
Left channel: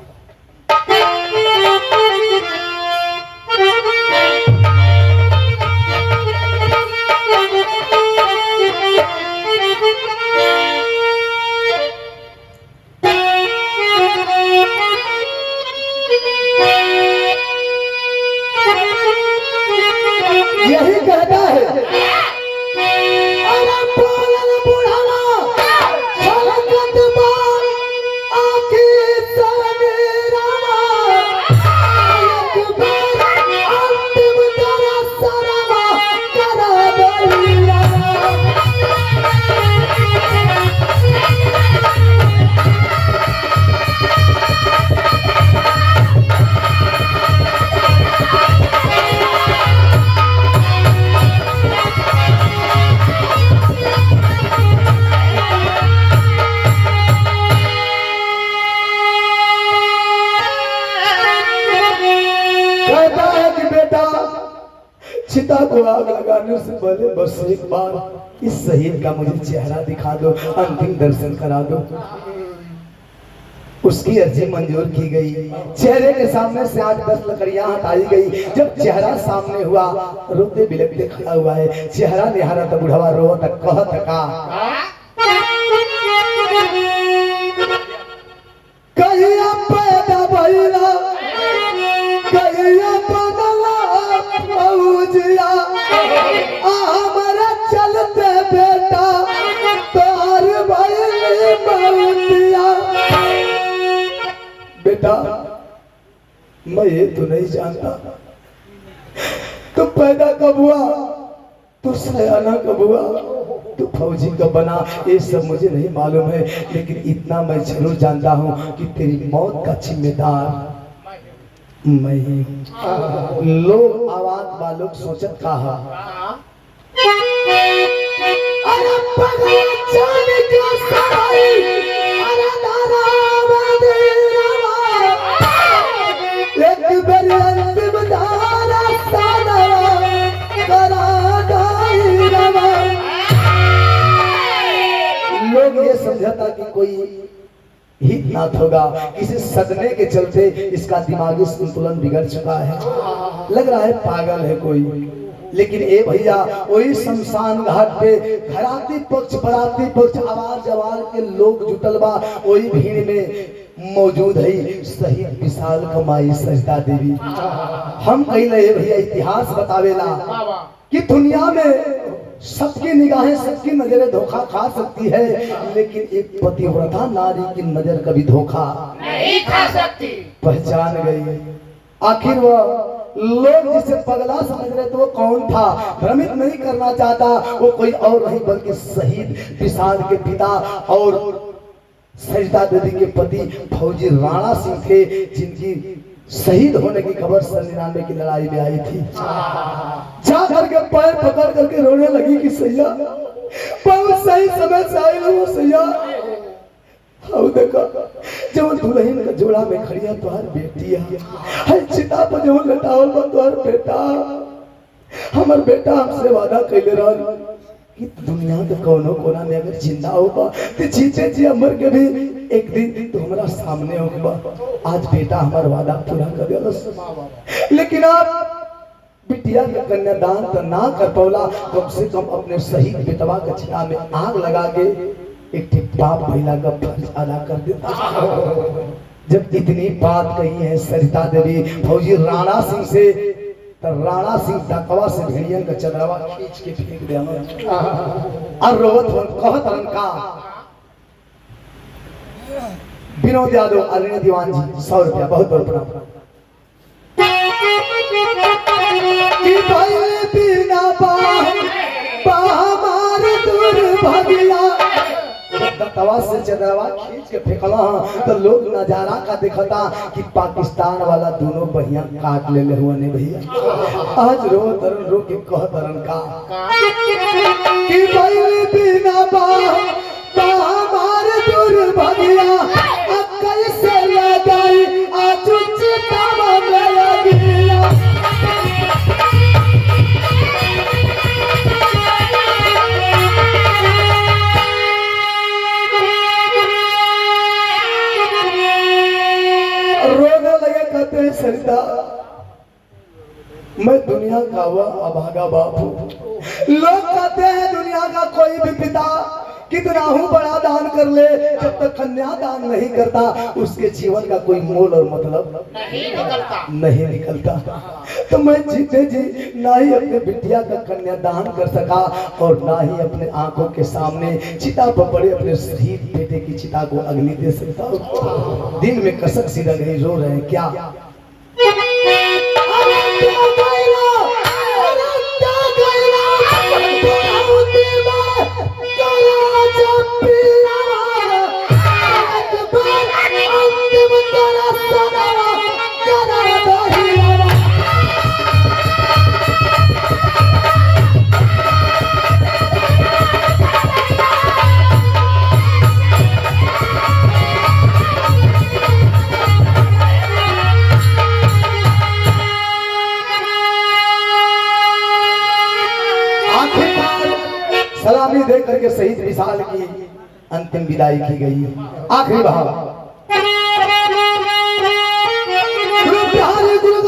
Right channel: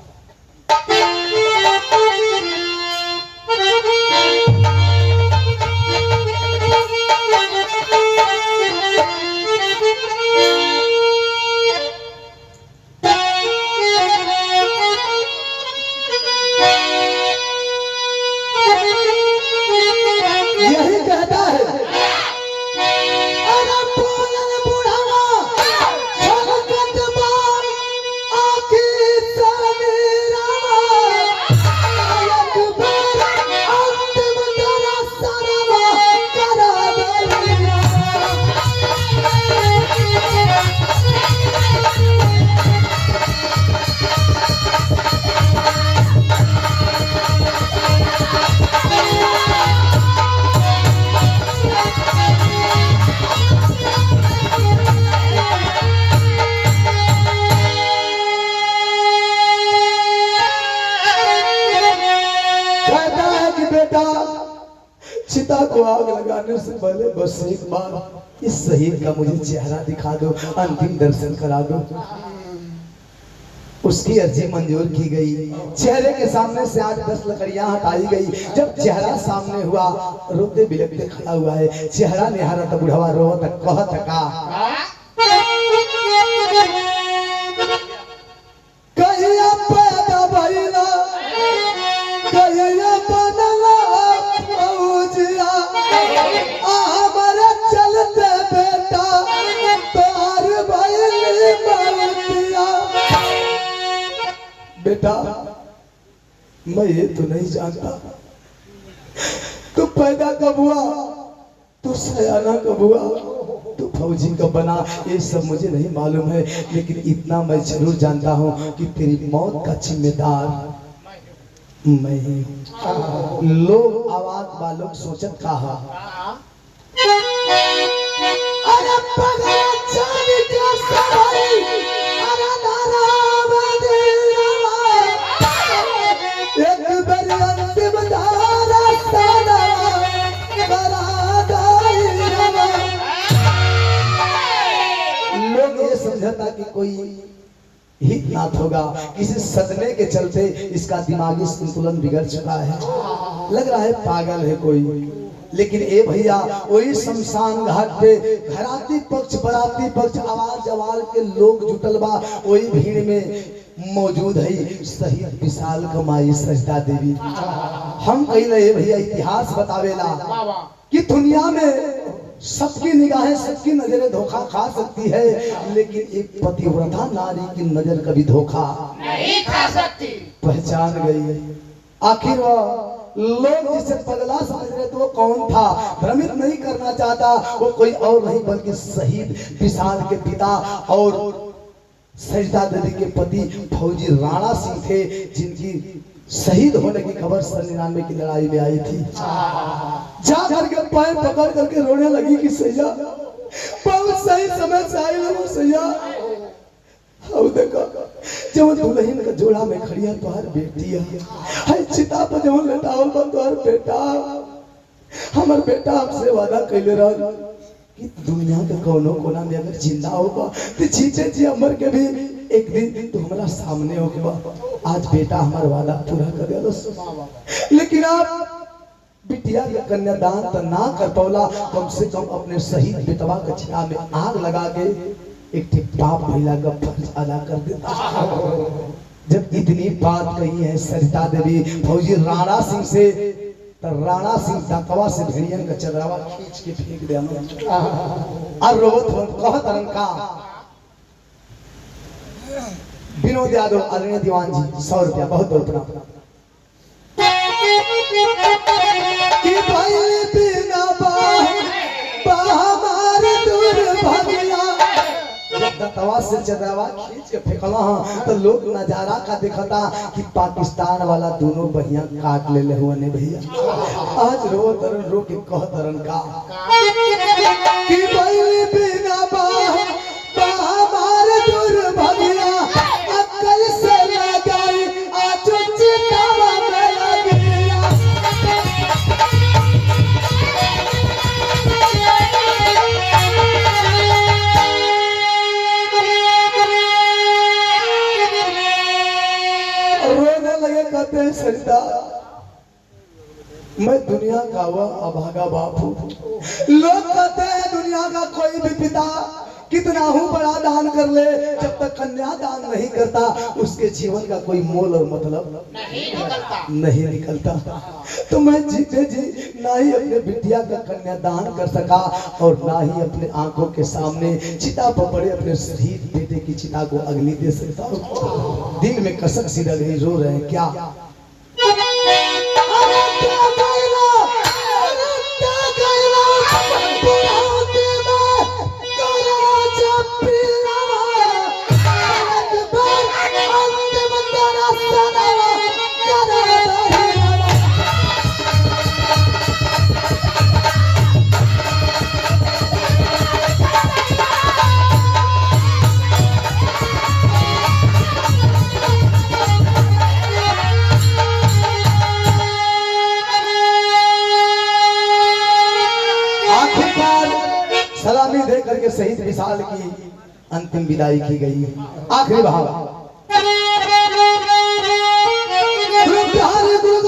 आग लगाने से पहले बस एक बार इस शहीद का मुझे चेहरा दिखा दो, अंतिम दर्शन करा दो। उसकी अर्जी मंजूर की गई। चेहरे के सामने से आज 10 लकड़ियां हटाई गई। जब चेहरा सामने हुआ, रोते बिलखते खड़ा हुआ है। चेहरा निहारा था, बुढ़वा रोत कहत का कहिया पैदा भइला, कहिया बनला फौजिया, हमारे चलते बेटा तोहर भइली बहुतिया। बेटा मैं ये तो नहीं जानता तू पैदा कब हुआ, तू सयाना कब हुआ, तू फौजी कब बना, ये सब मुझे नहीं मालूम है। लेकिन इतना मैं जरूर जानता हूँ कि तेरी मौत का जिम्मेदार मैं ही। लोग आवाज वालों सोचत कहा अरे पगला जान का सवाई, अरे नाराम देरवा, एक बार अंतिम धारा सादा करा दाई रवा। लोग ये समझता कि कोई हितनाथ होगा, किसी सदमे के चलते इसका दिमागी संतुलन बिगड़ चुका है, लग रहा है पागल है कोई। लेकिन ए भैया वही शमशान घाट पे घराती पक्ष बराती पक्ष आवाज जवार के लोग जुटल बा, वही भीड़ में मौजूद है शहीद विशाल कमाई सजदा देवी। हम कहिला ए भैया इतिहास बतावेला कि दुनिया में सबकी निगाहें सबकी नजरें धोखा खा सकती है, लेकिन एक पतिव्रता नारी की नजर कभी धोखा नहीं खा सकती। पहचान गई। आखिर वह लोग जिसे पगला समझ रहे थे वो कौन था, भ्रमित नहीं करना चाहता। वो कोई और नहीं बल्कि शहीद विशाल के पिता और सजदा देवी के पति फौजी राणा सिंह थे, जिनकी शहीद होने की खबर 99 की लड़ाई में आई थी। जा करके पैर पकड़ करके रोने लगी कि सैया बहुत सही समय से आए हो सैया। देखा जब दुल्हन का जोड़ा में खड़िया तुहार बेटी है, चिता पर जब लटावल बा तुहार बेटा, हमर बेटा हमसे वादा कैले रहा कि दुनिया के कोनो कोना में अगर जिंदा होगा तो जीते जी अमर के भी एक दिन तो हमारा सामने होगा। आज बेटा हमारा वादा पूरा कर दिया, लेकिन आप बिटिया के कन्यादान तो ना कर पौला, कम से कम अपने शहीद बेटवा के चिता में आग लगा के एक बाप महिला का फर्ज अदा कर देता। जब इतनी बात कही है सरिता देवी फौजी राणा सिंह से, तो राणा सिंह डकवा से भेड़िया का चदरवा खींच के फेंक दिया और रोवत कहत रंका विनोद यादव आदरणीय दीवान जी 100 रुपया बहुत बहुत प्रणाम। कि भाई बिना हमारे दूर भगिया, दतवा से चदरवा खींच के फेंकला तो लोग नजारा का दिखता कि पाकिस्तान वाला दोनों बहिया काट ले हुआ ने भैया। आज रो तरन रो के कह तरन का कि भाई बिना हमारे दूर भगिया, कैसे लगाई आज चितावा मेरा दिया। रोने लगे कहते हैं सरिता मैं दुनिया का वह अभागा बाप हूँ। लोग कहते हैं दुनिया का कोई भी पिता कितना हूँ बड़ा दान कर ले, जब तक कन्या दान नहीं करता उसके जीवन का कोई मोल और मतलब नहीं निकलता। तो मैं जीते जी ना ही अपने बिटिया का कन्यादान कर सका और ना ही अपने आंखों के सामने चिता पर पड़े अपने शहीद बेटे की चिता को अग्नि दे सकता। दिल में कसक सी लग रही, रो रहे हैं क्या। करके शहीद विशाल की अंतिम विदाई की गई है। आखिरी भाव गुरु बिहारी गुरु